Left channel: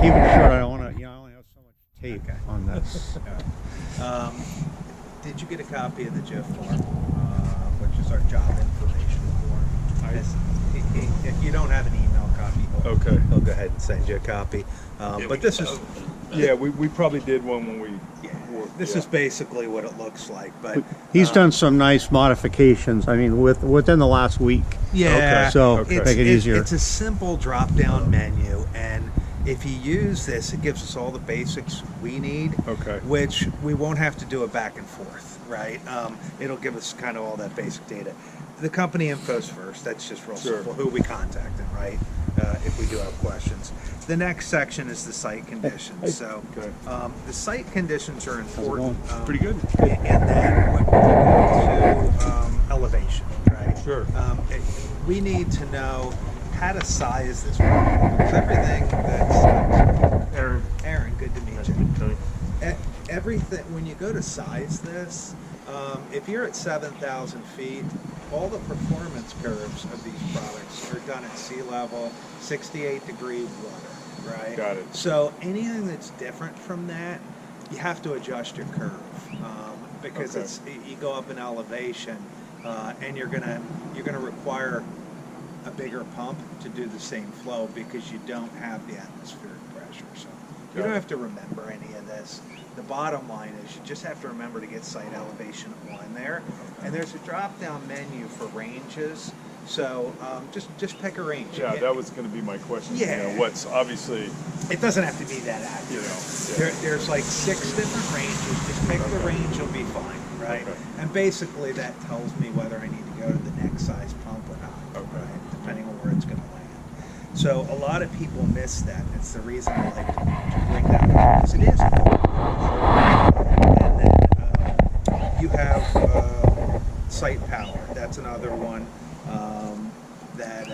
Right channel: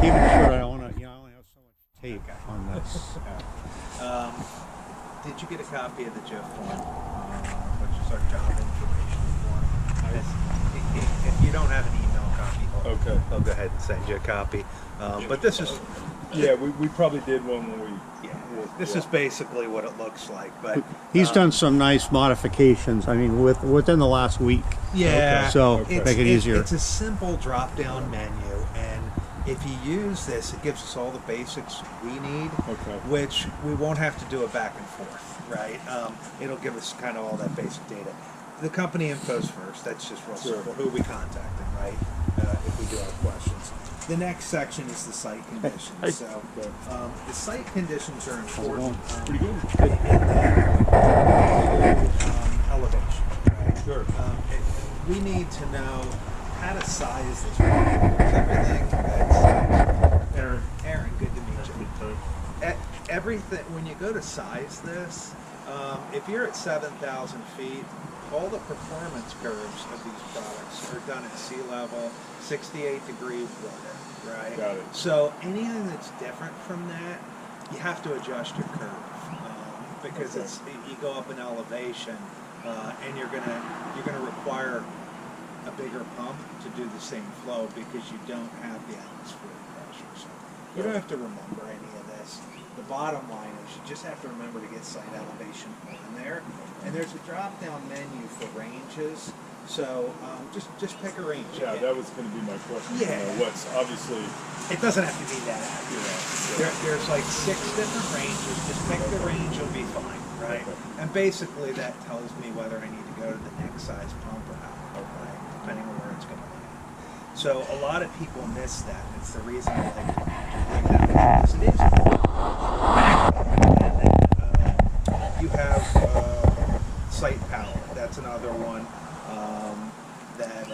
Keep it short. I don't want to. I only have so much tape Okay. on this. Did you get a copy of the JIF form, which is our job information form? If you don't have an email copy, Okay. he'll go ahead and send you a copy. But this is, Yeah, we probably did one when we. yeah, this is basically what it looks like. But He's done some nice modifications. I mean, within the last week. yeah, So Okay. make it easier. It's a simple drop-down menu, and if you use this, it gives us all the basics we need. Okay. Which we won't have to do a back and forth, right? It'll give us kind of all that basic data. The company info's first. That's just real Sure. simple. Who we contacting, right? If we do have questions. The next section is the site conditions. So Okay. the site conditions are important. Pretty good. Good. In that when you go to elevation, right? Sure. We need to know how to size this properly because everything that's Aaron, good to meet you. Everything when you go to size this, if you're at 7,000 feet, all the performance curves of these products are done at sea level, 68-degree water, right? Got it. So anything that's different from that, you have to adjust your curve because Okay. you go up in elevation, and you're gonna require a bigger pump to do the same flow because you don't have the atmospheric pressure. So you don't have to remember any of this. The bottom line is you just have to remember to get site elevation on there. And there's a drop-down menu for ranges. So just pick a range. Yeah, that was going to be my question. Yeah. What's obviously. It doesn't have to be that accurate. There's like 6 different ranges. Just pick the range, you'll be fine, right? Okay. And basically that tells me whether I need to go to the next size pump or not, Okay. right? Depending on where it's going to land. So a lot of people miss that. It's the reason I like to bring that one up because it is important. And then you have site power. That's another one that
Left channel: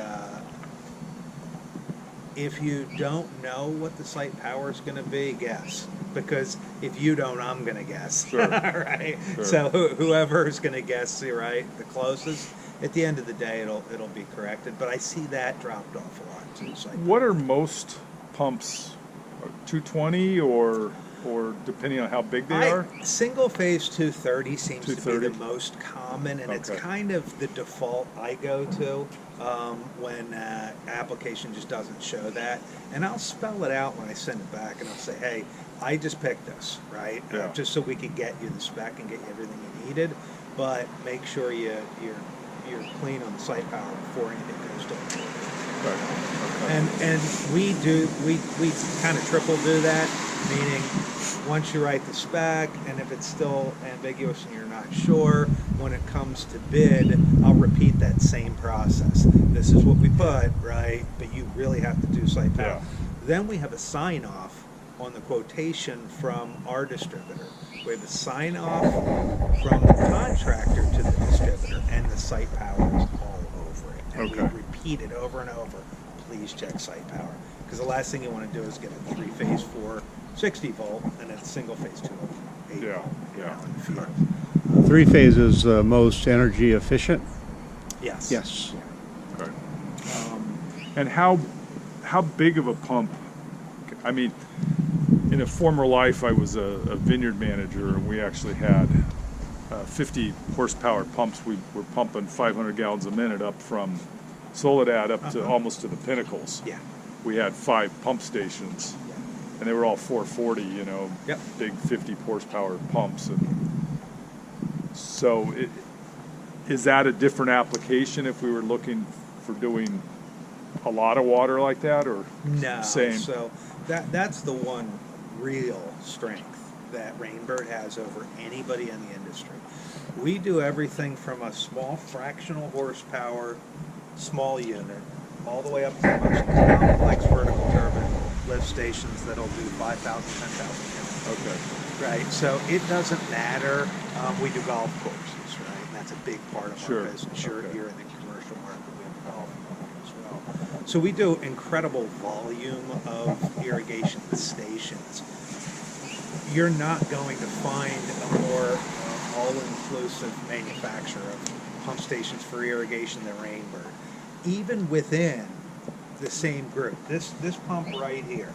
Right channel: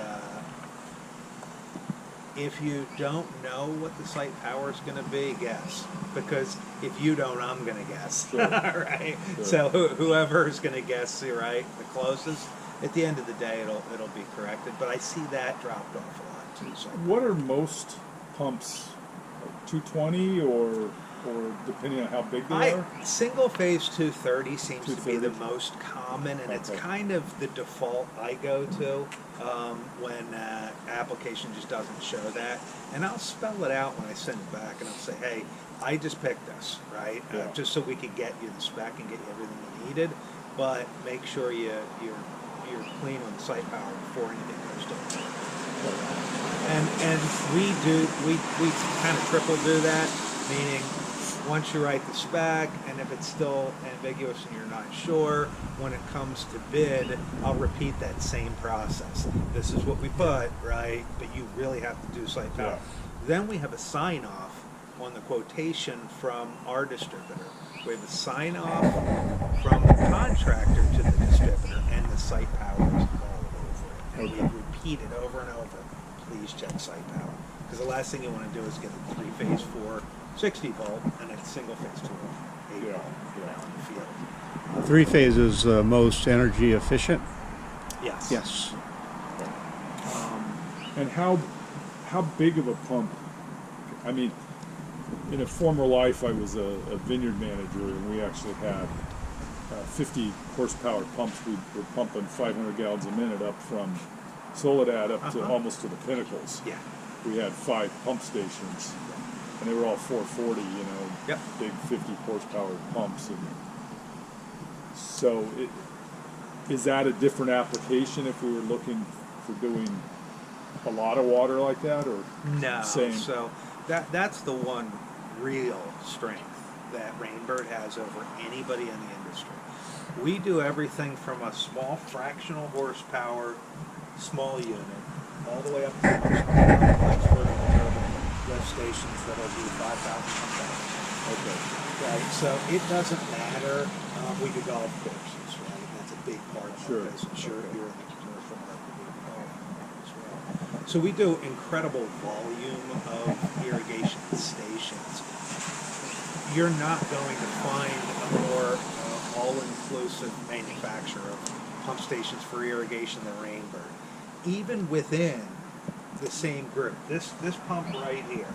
if you don't know what the site power is going to be, guess. Because if you don't, I'm going to guess. Sure. Right? Sure. So whoever is going to guess, right, the closest, at the end of the day, it'll be corrected. But I see that dropped off a lot too. So What are most pumps? 220 or depending on how big they are? Single phase 230 seems to be 230? the most common, and it's Okay. kind of the default I go to when application just doesn't show that. And I'll spell it out when I send it back, and I'll say, hey, I just picked this, right? Yeah. Just so we could get you the spec and get you everything you needed, but make sure you're clean on the site power before anything goes to the Right. and we kind of triple do that, meaning once you write the spec, and if it's still ambiguous and you're not sure, when it comes to bid, I'll repeat that same process. This is what we put, right? But you really have to do site power. Yeah. Then we have a sign off on the quotation from our distributor. We have a sign off from the contractor to the distributor, and the site power is all over it. And we Okay. repeat it over and over. Please check site power. Because the last thing you want to do is get a 3-phase 460 volt and a single phase 208 Yeah, volt yeah. in the field. 3-phase is the most energy efficient. Yes. Yes. Right. And how big of a pump? I mean, in a former life, I was a vineyard manager, and we actually had 50 horsepower pumps. We were pumping 500 gallons a minute up from Soledad up to almost to the Pinnacles. Yeah. We had 5 pump stations, and they were all 440. Yep. Big 50 horsepower pumps. And so, is that a different application if we were looking for doing a lot of water like that, or No. same? So that's the one real strength that Rainbird has over anybody in the industry. We do everything from a small fractional horsepower, small unit, all the way up to the most complex vertical turbine lift stations that'll do 5,000, 10,000. Okay. Right, so it doesn't matter. We do golf courses, right? And that's a big part of Sure. our business. You're Okay. in the commercial market, we have a golf market as well. So we do incredible volume of irrigation stations. You're not going to find a more all-inclusive manufacturer of pump stations for irrigation than Rainbird. Even within the same group, this pump right here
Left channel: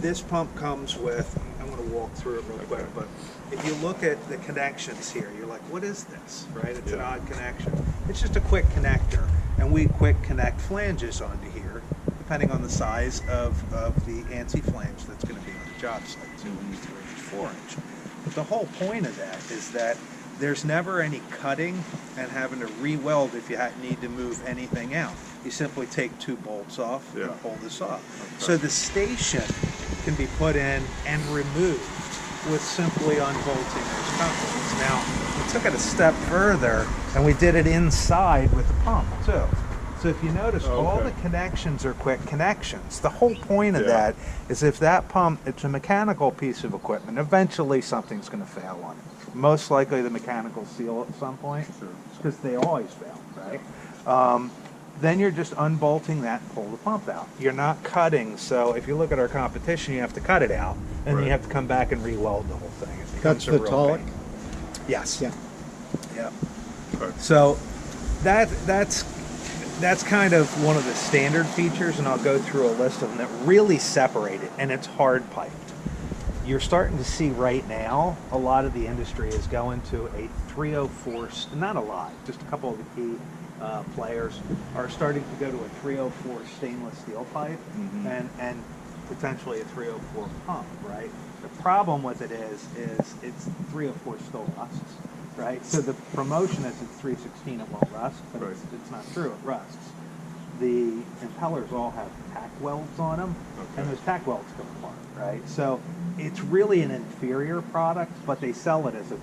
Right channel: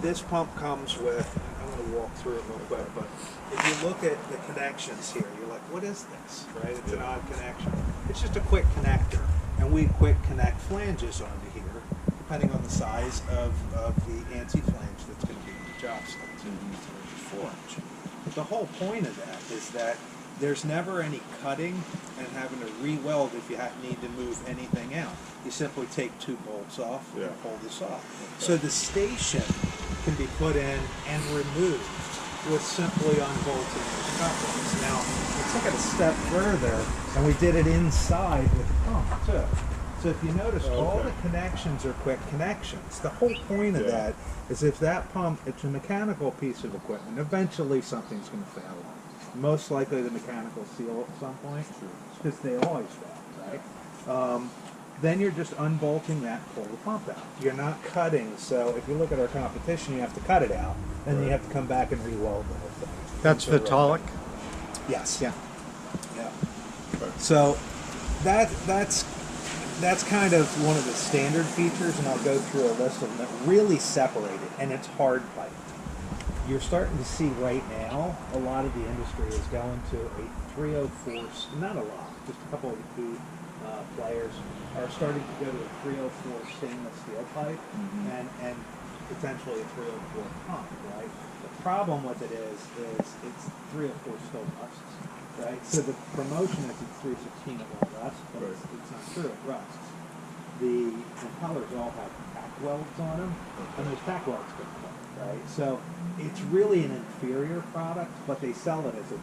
this pump comes with, I'm going to walk through it real quick, but if you look at the connections here, you're like, what is this, right? It's an Yeah. odd connection. It's just a quick connector, and we quick connect flanges onto here, depending on the size of the ANSI flange that's going to be on the job site, 2 inch, 3 inch, 4 inch. But the whole point of that is that there's never any cutting and having to re-weld if you need to move anything out. You simply take 2 bolts off Yeah. and pull this off. Okay. So the station can be put in and removed with simply unbolting those couplings. Now, we took it a step further and we did it inside with the pump too. So if you notice, all Okay. the connections are quick connections. The whole point of Yeah. that is if that pump, it's a mechanical piece of equipment, eventually something's going to fail on it. Most likely the mechanical seal at some point, because they always fail, right? Then you're just unbolting that and pull the pump out. You're not cutting, so if you look at our competition, you have to cut it out, and then Right. you have to come back and re-weld the whole thing. It That's becomes the a real Tolic? pain. Yes. Yeah. Yeah. Okay. So that's kind of one of the standard features, and I'll go through a list of them that really separate it, and it's hard piped. You're starting to see right now a lot of the industry is going to a 304, not a lot, just a couple of the key players are starting to go to a 304 stainless steel pipe and potentially a 304 pump, right? The problem with it is it's 304 still rusts, right? So the promotion is it's 316 it won't rust, but Right. it's not true, it rusts. The impellers all have tack welds on them, and those tack welds go apart, right? So it's really an inferior product, but they sell it as a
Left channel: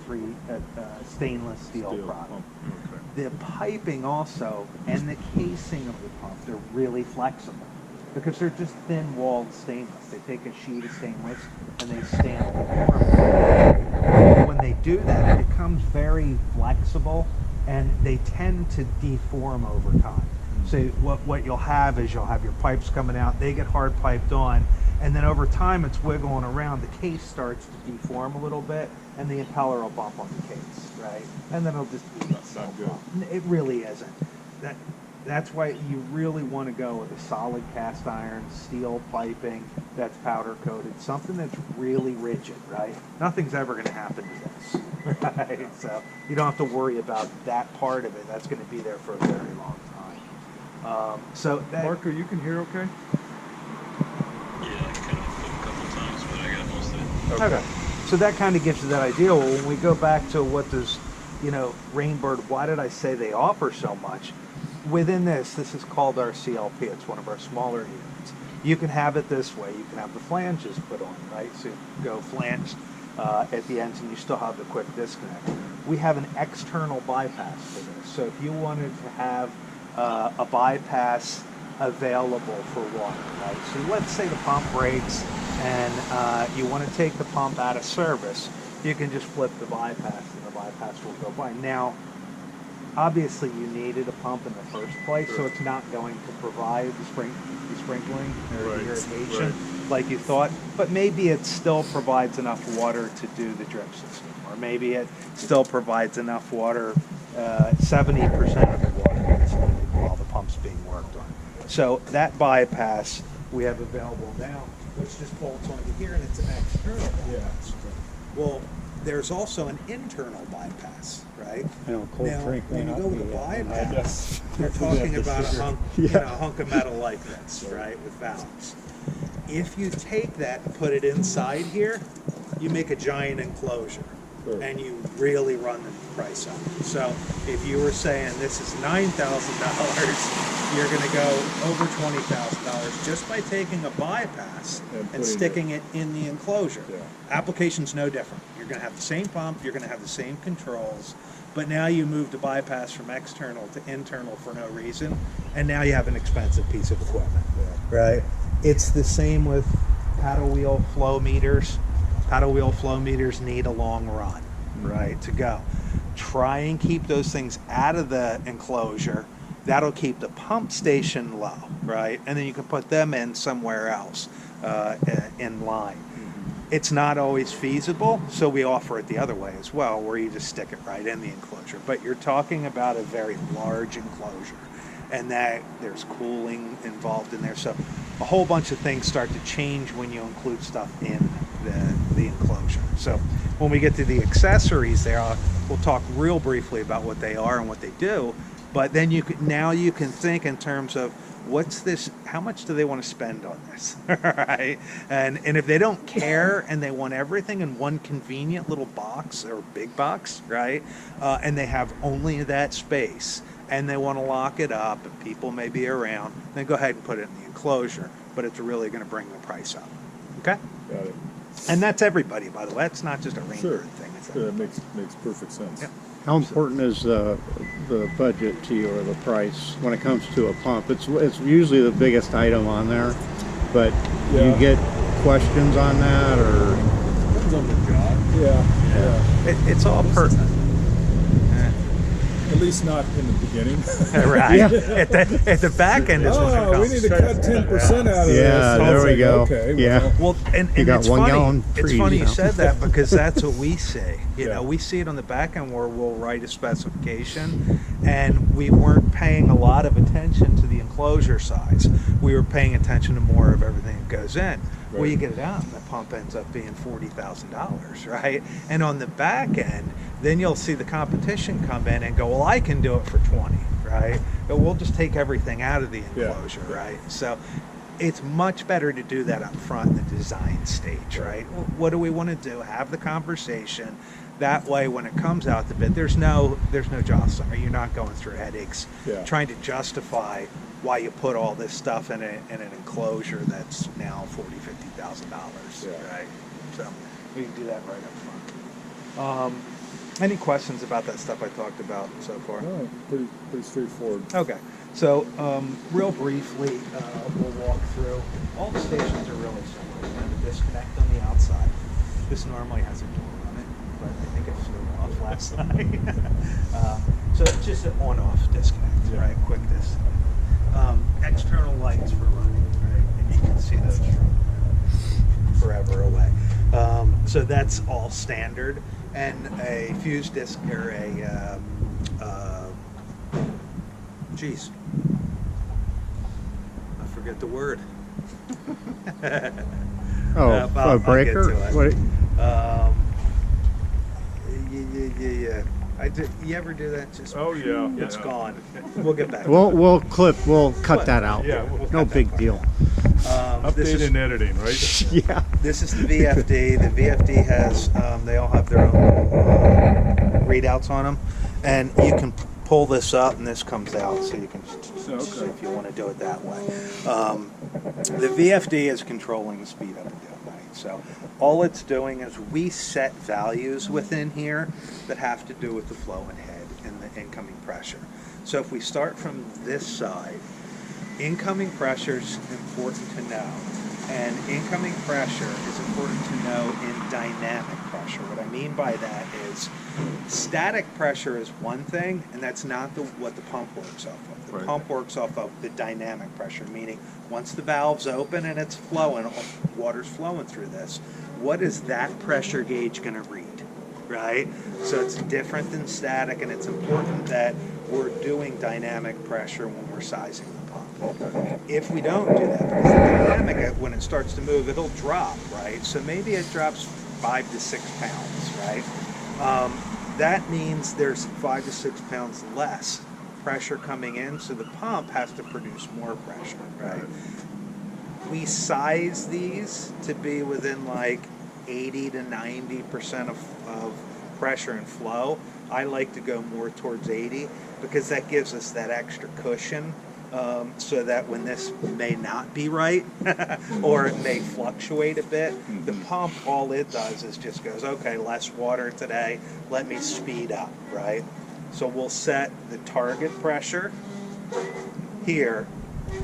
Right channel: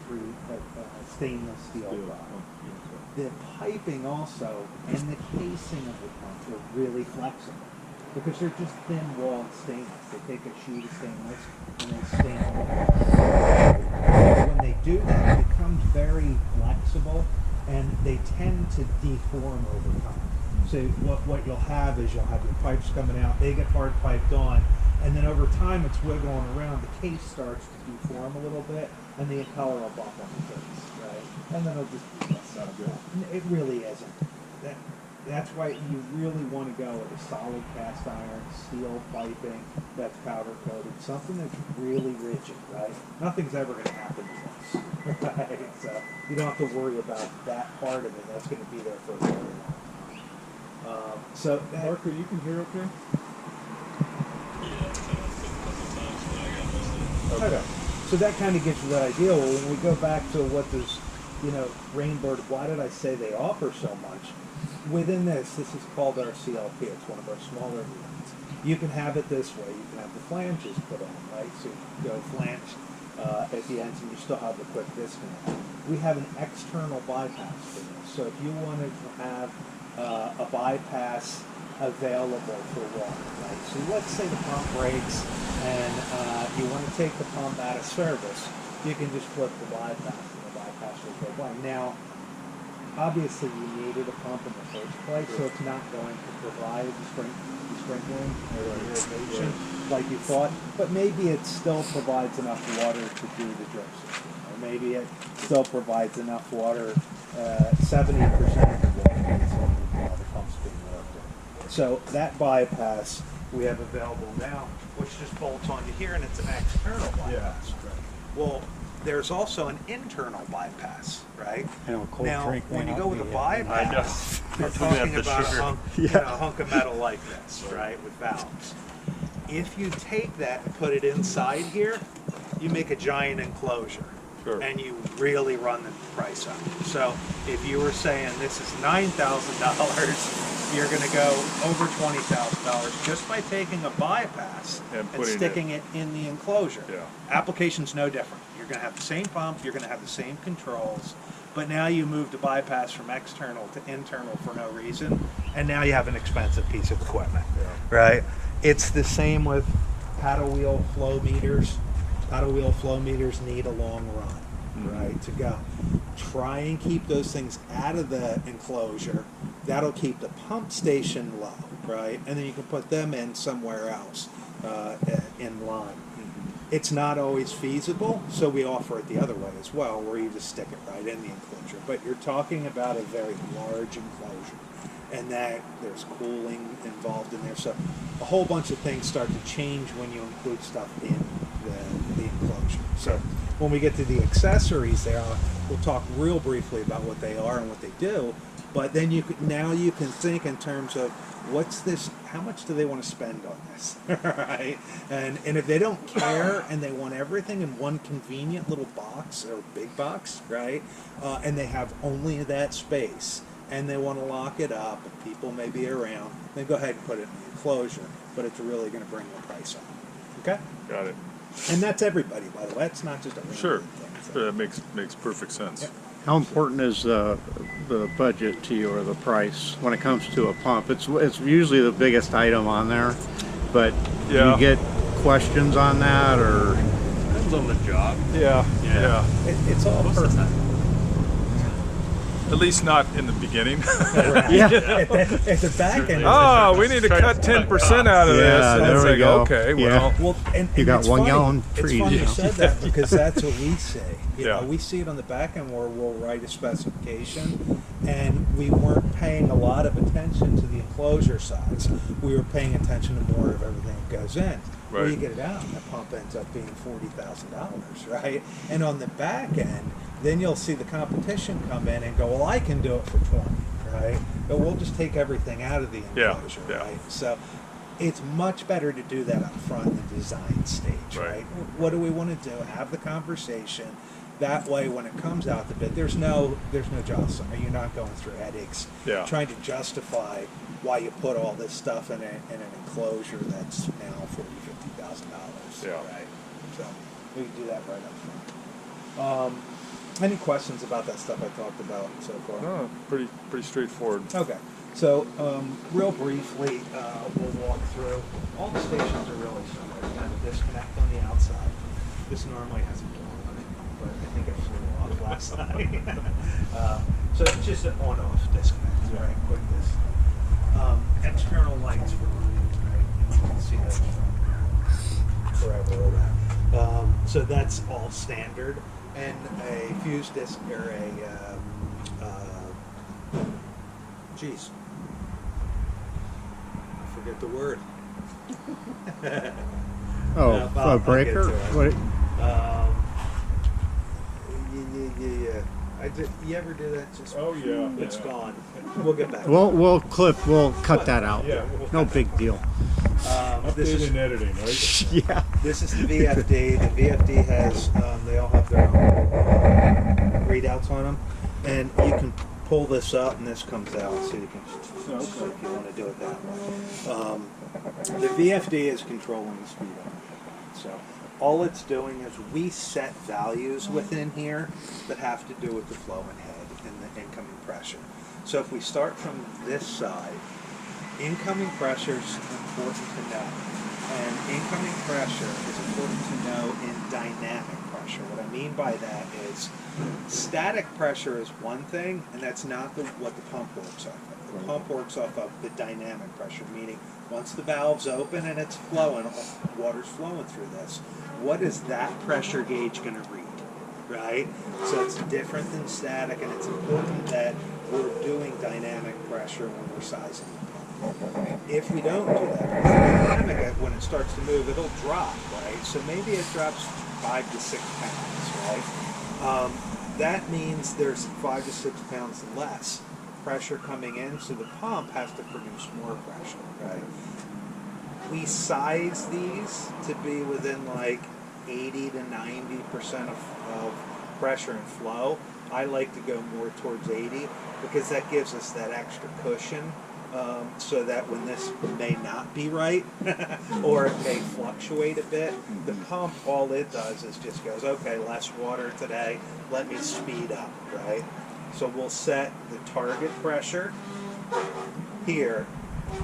stainless steel product. Okay. The piping also and the casing of the pump, they're really flexible because they're just thin-walled stainless. They take a sheet of stainless and they stamp the form. Right? When they do that, it becomes very flexible and they tend to deform over time. So what you'll have is you'll have your pipes coming out, they get hard piped on, and then over time it's wiggling around, the case starts to deform a little bit, and the impeller will bump on the case, right? And then it'll just be Not good. It really isn't. That's why you really want to go with a solid cast iron, steel piping that's powder coated, something that's really rigid, right? Nothing's ever going to happen to this, right? So you don't have to worry about that part of it. That's going to be there for a very long time. So that, Marco, you can hear okay? Yeah, I cut off a couple times, but I got most of it. okay. So that kind of gives you that idea. Well, when we go back to what does, Rainbird, why did I say they offer so much? Within this is called our CLP. It's one of our smaller units. You can have it this way. You can have the flanges put on, right? So you go flange at the ends and you still have the quick disconnect. We have an external bypass for this. So if you wanted to have a bypass available for water, right? So let's say the pump breaks and you want to take the pump out of service, you can just flip the bypass and the bypass will go by. Now, obviously you needed a pump in the first place, so it's not going to provide the sprinkling or Right, the irrigation like you thought, but maybe it still provides enough water to do the drip system, or maybe it still provides enough water, 70% of the water that's needed while the pump's being worked on. So that bypass we have available now, which just bolts onto here, and it's an external bypass. Well, there's also an internal bypass, right? I know, cold Now, drink when you went go up with a the, bypass, you're That's what they talking have to about a sugar. hunk, Yeah. a hunk of metal like this, right, with valves. If you take that and put it inside here, you make a giant enclosure. Sure. And you really run the price up. So if you were saying this is $9,000, you're going to go over $20,000 just by taking a bypass And and putting sticking it in the enclosure. Yeah. Application's no different. You're going to have the same pump, you're going to have the same controls, but now you move the bypass from external to internal for no reason, and now you have an expensive piece of equipment, right? It's the same with paddle wheel flow meters. Paddle wheel flow meters need a long run, right, to go. Try and keep those things out of the enclosure. That'll keep the pump station low, right? And then you can put them in somewhere else in line. It's not always feasible, so we offer it the other way as well, where you just stick it right in the enclosure. But you're talking about a very large enclosure. and that there's cooling involved in there. So a whole bunch of things start to change when you include stuff in the enclosure. So when we get to the accessories there, we'll talk real briefly about what they are and what they do. But then you can think in terms of what's this, how much do they want to spend on this, right? And if they don't care and they want everything in one convenient little box or big box, right? And they have only that space and they want to lock it up and people may be around, then go ahead and put it in the enclosure, but it's really going to bring the price up, okay? Got it. And that's everybody, by the way. That's not just a ring Sure. thing. It's That makes perfect sense. Yeah. How important is the budget to you, or the price when it comes to a pump? It's usually the biggest item on there, but do Yeah. you get questions on that, or Depends on the job. Yeah. Yeah. It's all Most of the per. time. At least not in the beginning. Right. Yeah. At the back end. Oh, we need to cut 10% out of this. Yeah, And there it's we like, go. Okay, Yeah. well, Well, and You got it's 1 funny. gallon It's trees, funny you you know. said that because that's what we say. You Yeah. know, we see it on the back end where we'll write a specification, and we weren't paying a lot of attention to the enclosure size. We were paying attention to more of everything that goes in. Where Right. you get it out, and the pump ends up being $40,000, right? And on the back end, then you'll see the competition come in and go, well, I can do it for 20, right? But we'll just take everything out of the Yeah, enclosure, yeah. right? So it's much better to do that up front in the design stage, Right. right? What do we want to do? Have the conversation. That way, when it comes out the bid, there's no jostling, or you're not going through headaches Yeah. trying to justify why you put all this stuff in an enclosure that's now $40,000, $50,000, Yeah. right? So we can do that right up front. Any questions about that stuff I talked about so far? no, pretty straightforward. Okay, so real briefly, we'll walk through. All the stations are really similar. You have a disconnect on the outside. This normally has a door on it, but I think it flew off last night. So it's just an on-off disconnect, Yeah. right? Quick disconnect. External lights for running, right? And you can see those from forever away. So that's all standard. And a fuse disc or geez, I forget the word. oh, I'll a get breaker? to it. What? Yeah. You ever do that? Just Oh, yeah. it's yeah. gone. We'll get back. We'll cut that out. Yeah, we'll No cut that big part deal. This Update is and editing, right? Yeah. This is the VFD. The VFD has, they all have their own little readouts on them. And you can pull this up and this comes out, so you can see Okay. if you want to do it that way. The VFD is controlling the speed of the gun. So all it's doing is we set values within here that have to do with the flow and head and the incoming pressure. So if we start from this side, incoming pressure is important to know. And incoming pressure is important to know in dynamic pressure. What I mean by that is static pressure is one thing, and that's not what the pump works off of. The Right. pump works off of the dynamic pressure, meaning once the valve's open and it's flowing, water's flowing through this, what is that pressure gauge going to read? Right? So it's different than static, and it's important that we're doing dynamic pressure when we're sizing the pump. If we don't do that, because the dynamic, when it starts to move, it'll drop, right? So maybe it drops 5 to 6 pounds, right? That means there's 5 to 6 pounds less pressure coming in, so the pump has to produce more pressure, right? We size these to be within like 80 to 90% of pressure and flow. I like to go more towards 80 because that gives us that extra cushion, so that when this may not be right or it may fluctuate a bit, the pump, all it does is just goes, okay, less water today, let me speed up, right? So we'll set the target pressure here.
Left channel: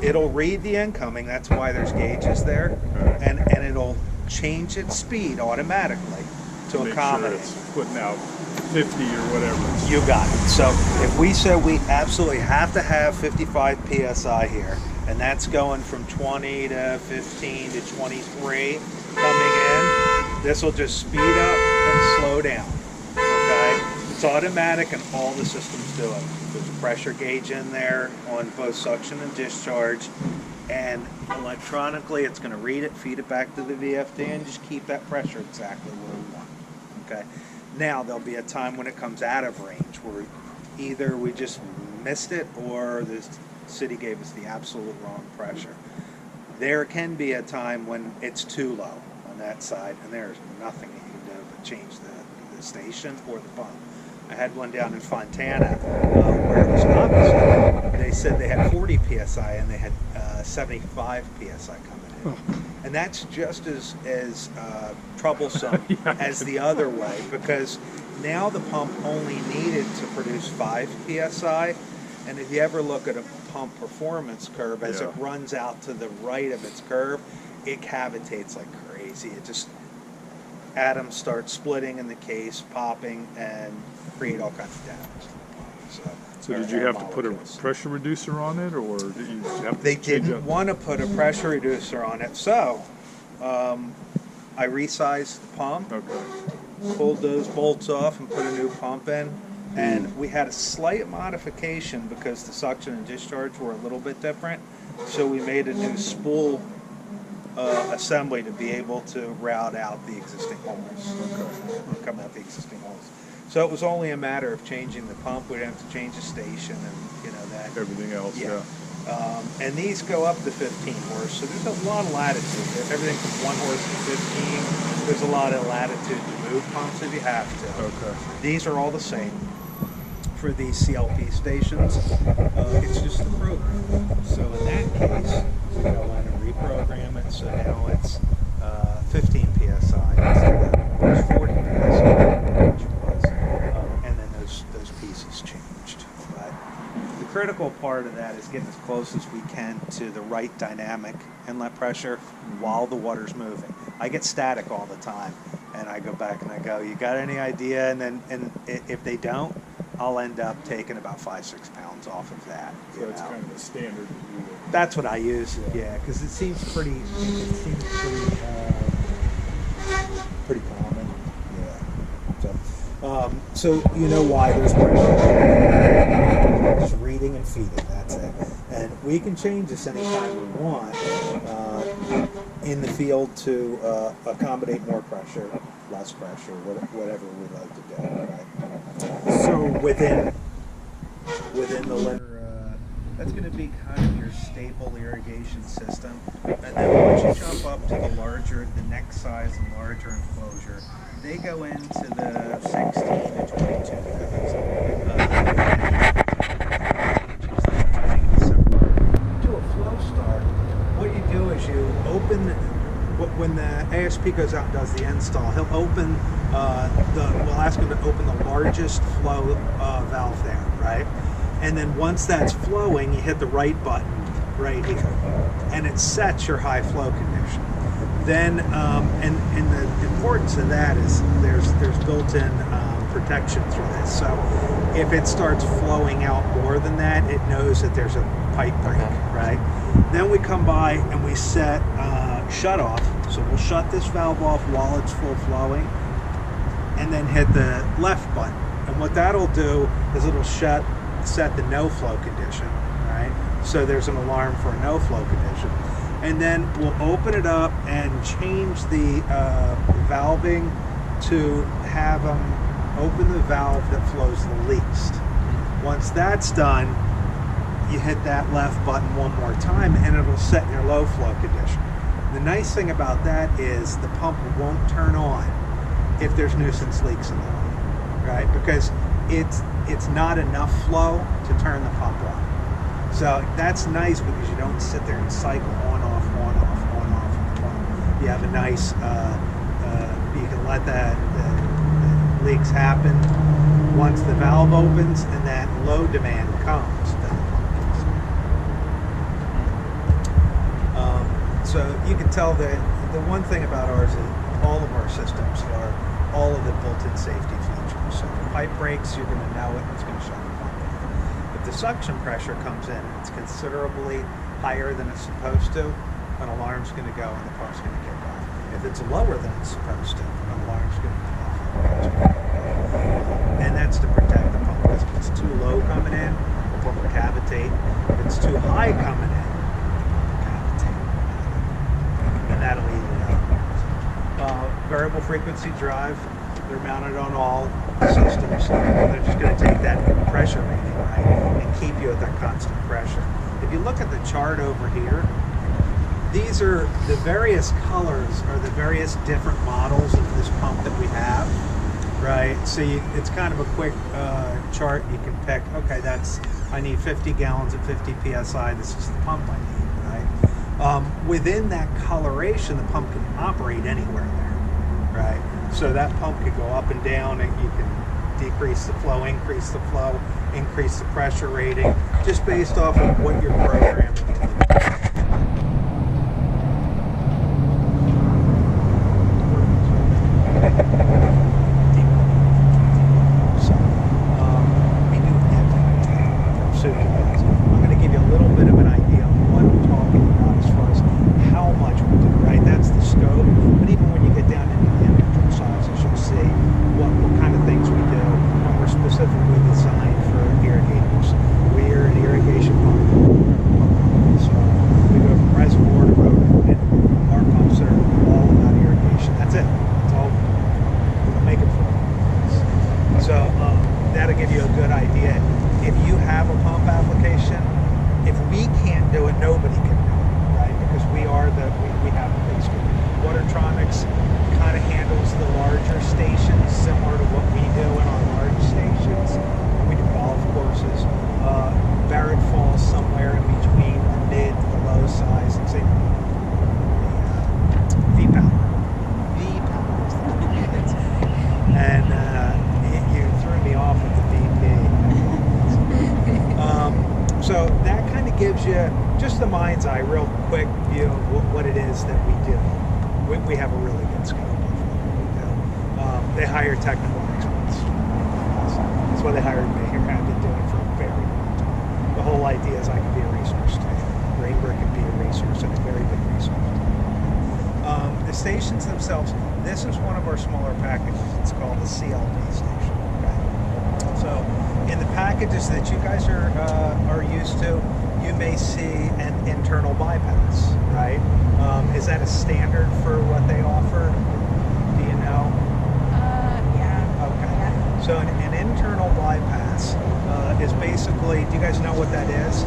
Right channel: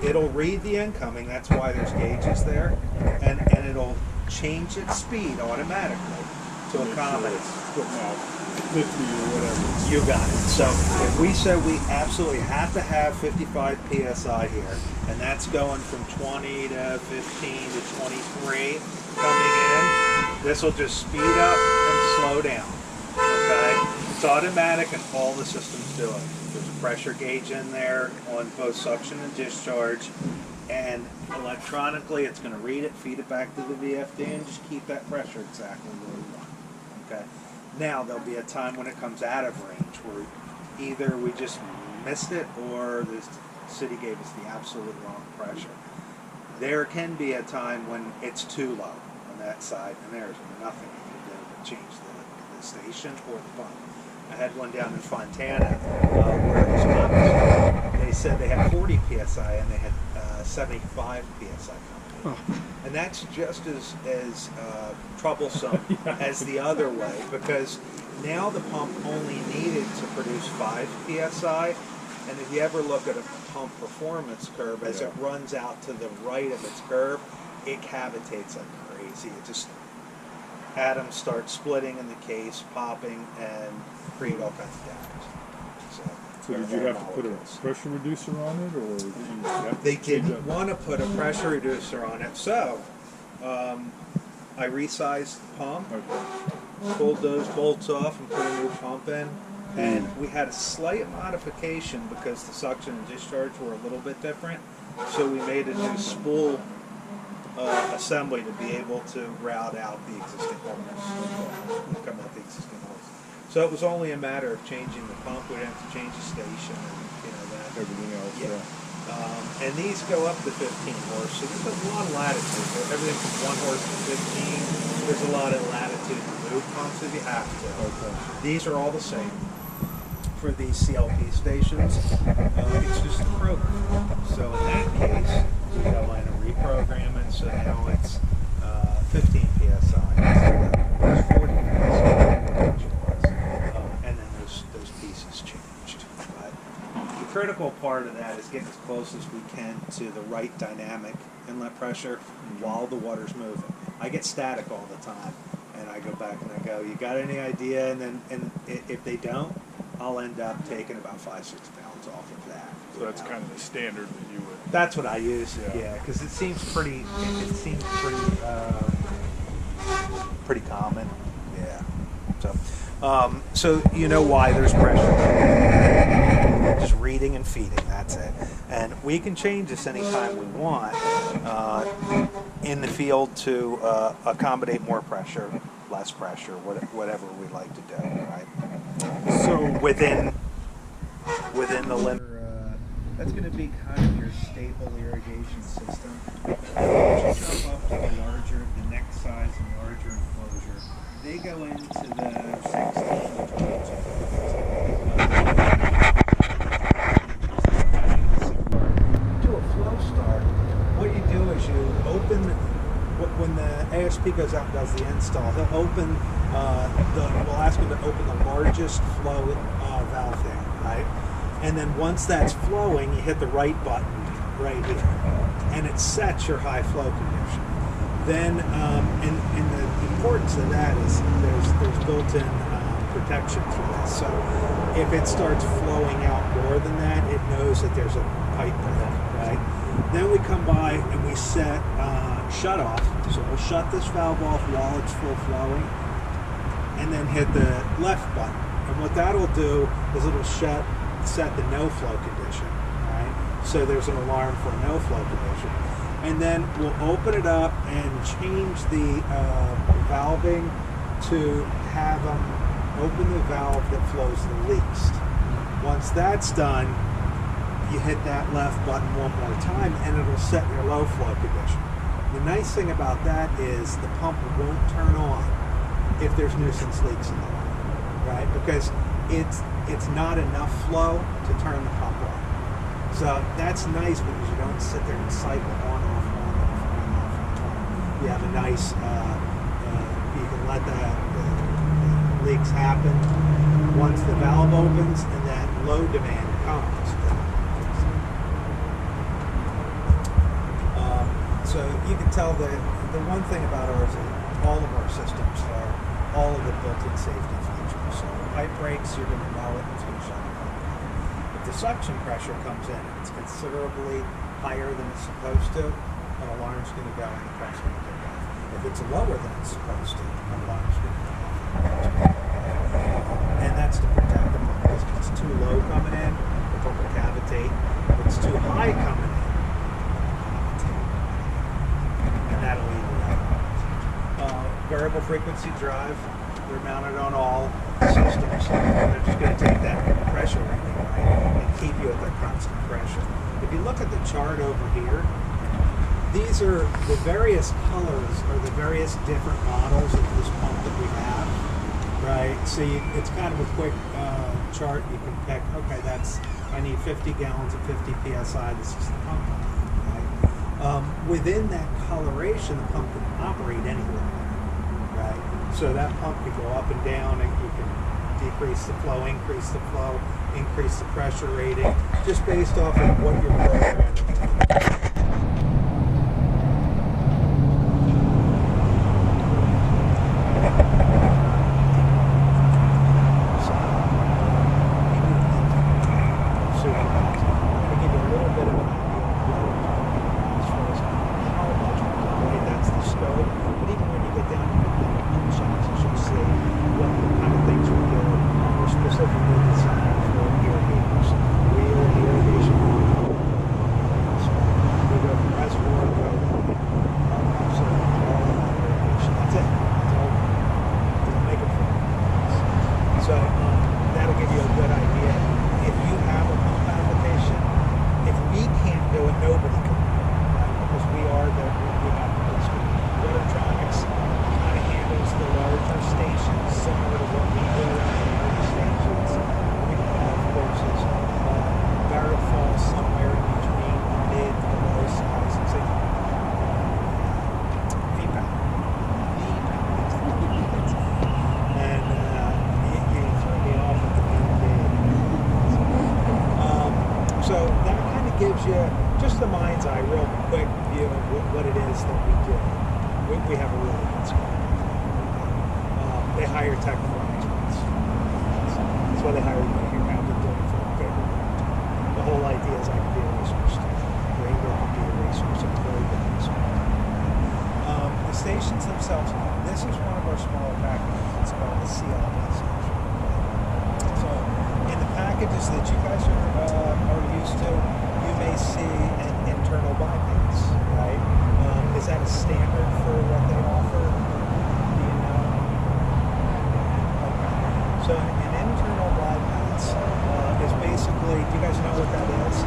It'll read the incoming, that's why there's gauges there, and it'll change its speed automatically to Make sure accommodate. it's putting out 50 or whatever. You got it. So if we said we absolutely have to have 55 PSI here, and that's going from 20 to 15 to 23 coming in, this will just speed up and slow down, okay? It's automatic and all the systems do it. There's a pressure gauge in there on both suction and discharge, and electronically it's going to read it, feed it back to the VFD, and just keep that pressure exactly where we want. Okay. Now there'll be a time when it comes out of range where either we just missed it or the city gave us the absolute wrong pressure. There can be a time when it's too low on that side, and there's nothing you can do but change the station or the pump. I had one down in Fontana where it was opposite. They said they had 40 psi and they had 75 psi coming in, and that's just as troublesome as the other way, because now the pump only needed to produce 5 psi, and if you ever look at a pump performance curve, as it runs out to the right of its curve, it cavitates like crazy. It just atoms start splitting in the case, popping, and create all kinds of damage. So did you have to put a pressure reducer on it, or did you have to They change didn't up? want to put a pressure reducer on it, so I resized the pump, Okay. pulled those bolts off, and put a new pump in. And we had a slight modification because the suction and discharge were a little bit different. So we made a new spool assembly to be able to route out the existing holes, come out the existing holes. So it was only a matter of changing the pump. We didn't have to change the station and that. Everything else, yeah. And these go up to 15 horse, so there's a lot of latitude. Everything from 1 horse to 15. There's a lot of latitude to move pumps if you have to. Okay. These are all the same for these CLP stations. It's just the program. So in that case, we go in and reprogram it. So now it's 15 psi instead of it was 40 psi, which it was, and then those pieces changed. But the critical part of that is getting as close as we can to the right dynamic inlet pressure while the water's moving. I get static all the time, and I go back and I go, "You got any idea?" And if they don't, I'll end up taking about 5-6 pounds off of that. So that's kind of the standard that you would. That's what I use. Yeah. Yeah, because it seems pretty. It seems pretty common. Yeah. So you know why there's pressure. Just reading and feeding. That's it. And we can change this anytime we want in the field to accommodate more pressure, less pressure, whatever we like to do. Right. So Within the limit. That's going to be kind of your staple irrigation system. And then once you jump up to the next size and larger enclosure, they go into the 16 to 22 to a flow start. What you do is you open, when the ASP goes out and does the install, he'll open, we'll ask him to open the largest flow valve there, right? And then once that's flowing, you hit the right button right here, and it sets your high flow condition. Then, and the importance of that is there's built-in protection through this. So if it starts flowing out more than that, it knows that there's a pipe break, right? Then we come by and we set shut off. So we'll shut this valve off while it's full flowing, and then hit the left button. And what that'll do is it'll set the no flow condition, right? So there's an alarm for a no flow condition. And then we'll open it up and change the valving to have them open the valve that flows the least. Once that's done, you hit that left button one more time and it'll set your low flow condition. The nice thing about that is the pump won't turn on if there's nuisance leaks in the line, right? Because it's not enough flow to turn the pump on. So that's nice because you don't sit there and cycle on, off, on, off, on, off, on, off. You have a nice, you can let the leaks happen once the valve opens and that low demand comes. So you can tell that the one thing about ours is all of our systems are all of it built-in safety features. So the pipe breaks, you're going to know it, and it's going to shut the pump off. If the suction pressure comes in and it's considerably higher than it's supposed to, an alarm's going to go and the pump's going to kick off. If it's lower than it's supposed to, an alarm's going to go off. and that's to protect the pump, because if it's too low coming in, the pump will cavitate. If it's too high coming in, cavitate, and that'll even out. Variable frequency drive, they're mounted on all systems, and they're just going to take that pressure reading, right, and keep you at that constant pressure. If you look at the chart over here, these are the various colors, or the various different models of this pump that we have, right? So it's kind of a quick chart. You can pick, okay, I need 50 gallons of 50 PSI. This is the pump I need, right? Within that coloration, the pump can operate anywhere there, right? So that pump could go up and down, and you can decrease the flow, increase the flow, increase the pressure rating, just based off of what you're programming. I'm going to give you a little bit of an idea of what we're talking about as far as how much we do, right? That's the scope. But even when you get down into the individual sizes, you'll see what kind of things we do. And we're specifically designed for irrigators. We are an irrigation pump. So we go from reservoir to road. And our pumps are all about irrigation. That's it. That's all. We don't make it for them. So that'll give you a good idea. If you have a pump application, if we can't do it, nobody can do it, right? Because we have Watertronics kind of handles the larger stations, similar to what we do in our large stations. We do golf courses. Barrett falls somewhere in between the mid to the low size. It's a V-Power. And you threw me off at the VP. So that kind of gives you just the mind's eye, real quick view of what it is that we do. We have a really good scope of what we do. They hire technical experts. That's why they hired me here. I've been doing it for a very long time. The whole idea is I can be a resource too. Rainbird can be a resource, and a very big resource. The stations themselves, this is one of our smaller packages. It's called the CLD station. So in the packages that you guys are used to, you may see an internal bypass, right? Is that a standard for what they offer? Do you know? Yeah. Okay. So an internal bypass is basically, do you guys know what that is?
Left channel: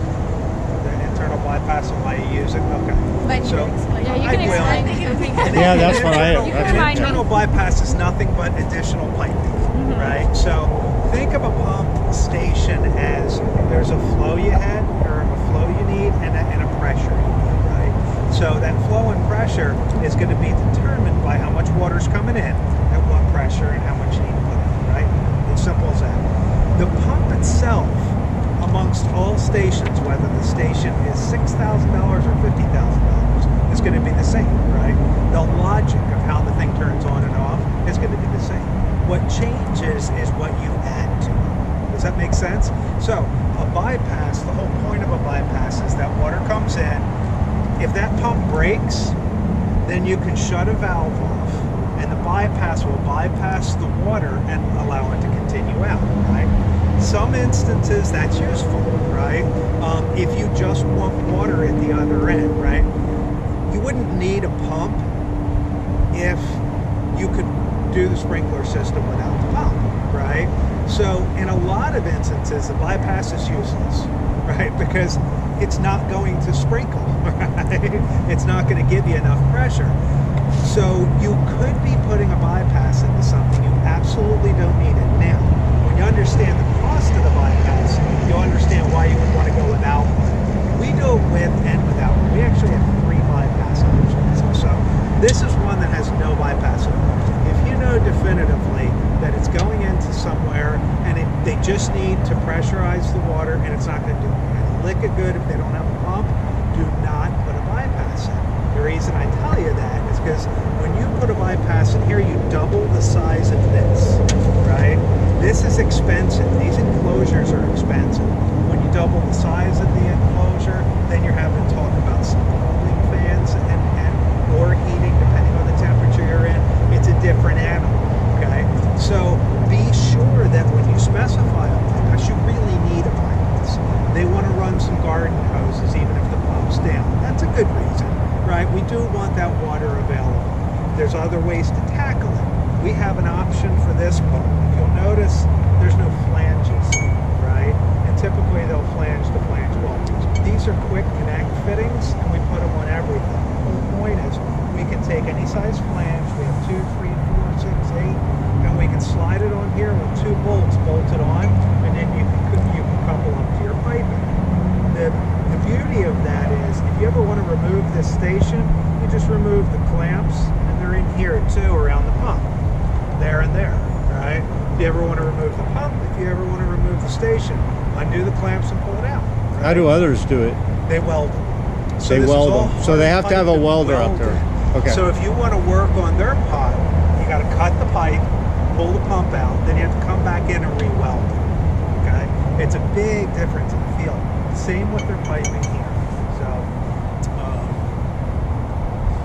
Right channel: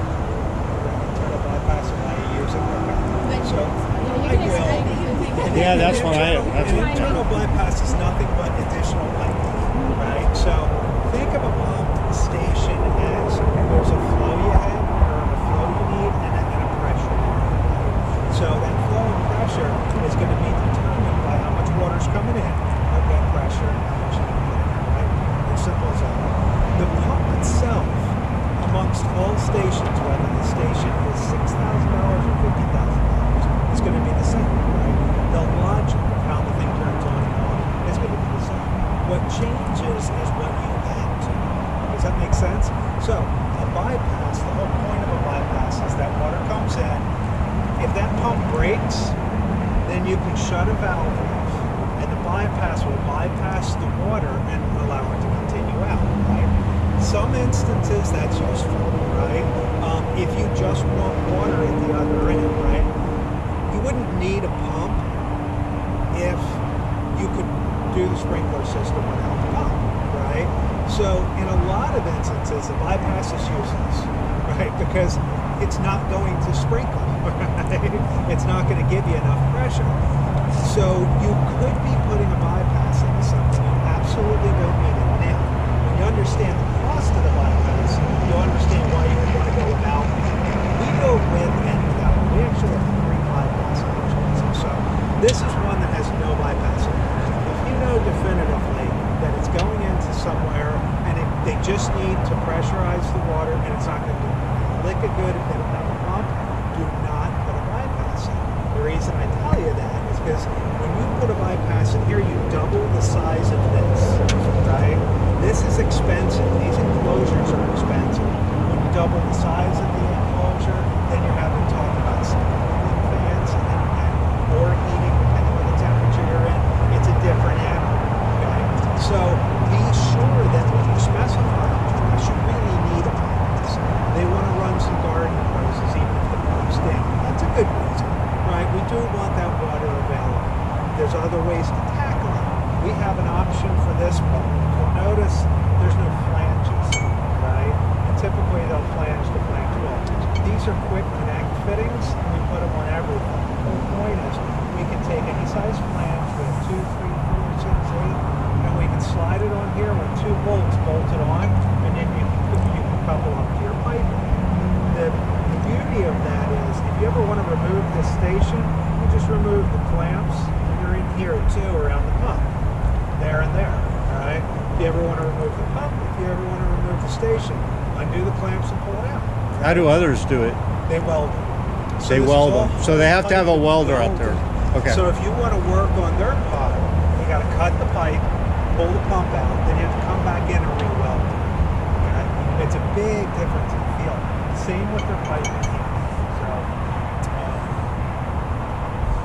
The internal bypass and why you use it? Okay. So I will. Yeah, that's what I. An internal bypass is nothing but additional piping, right? So think of a pump station as there's a flow you had, or a flow you need, and a pressure, right? So that flow and pressure is going to be determined by how much water's coming in, at what pressure, and how much you need to put in, right? It's simple as that. The pump itself, amongst all stations, whether the station is $6,000 or $50,000, is going to be the same, right? The logic of how the thing turns on and off is going to be the same. What changes is what you add to it. Does that make sense? So a bypass, the whole point of a bypass is that water comes in. If that pump breaks, then you can shut a valve off, and the bypass will bypass the water and allow it to continue out, right? Some instances that's useful, right? If you just want water at the other end, right? You wouldn't need a pump if you could do the sprinkler system without the pump, right? So in a lot of instances, the bypass is useless, right? Because it's not going to sprinkle, right? It's not going to give you enough pressure. So you could be putting a bypass into something you absolutely don't need it now. When you understand the cost of the bypass, you'll understand why you would want to go without one. We do it with and without one. We actually have 3 bypass options. So this is one that has no bypass in it. If you know definitively that it's going into somewhere and they just need to pressurize the water and it's not going to do a lick of good if they don't have a pump, do not put a bypass in. The reason I tell you that is because when you put a bypass in here, you double the size of this, right? This is expensive. These enclosures are expensive. When you double the size of the enclosure, then you're having to talk about some cooling fans or heating, depending on the temperature you're in. It's a different animal, okay? So be sure that when you there's other ways to tackle it. We have an option for this pump. If you'll notice, there's no flanges, right? And typically they'll flange to flange. Well, these are quick connect fittings, and we put them on everything. The whole point is we can take any size flange. We have 2, 3, 4, 6, 8, and we can slide it on here with 2 bolts bolted on, and then you can couple up to your piping. The beauty of that is, if you ever want to remove this station, you just remove the clamps, and they're in here too, around the pump, there and there, right? If you ever want to remove the pump, if you ever want to remove the station, undo the clamps and pull it out. Right? How do others do it? They weld them. So They this is weld all them. So they have to have a hard-piped welder out there. welded. Okay. So if you want to work on their pot, you got to cut the pipe, pull the pump out, then you have to come back in and re-weld it. Okay? It's a big difference in feel. Same with their piping here. So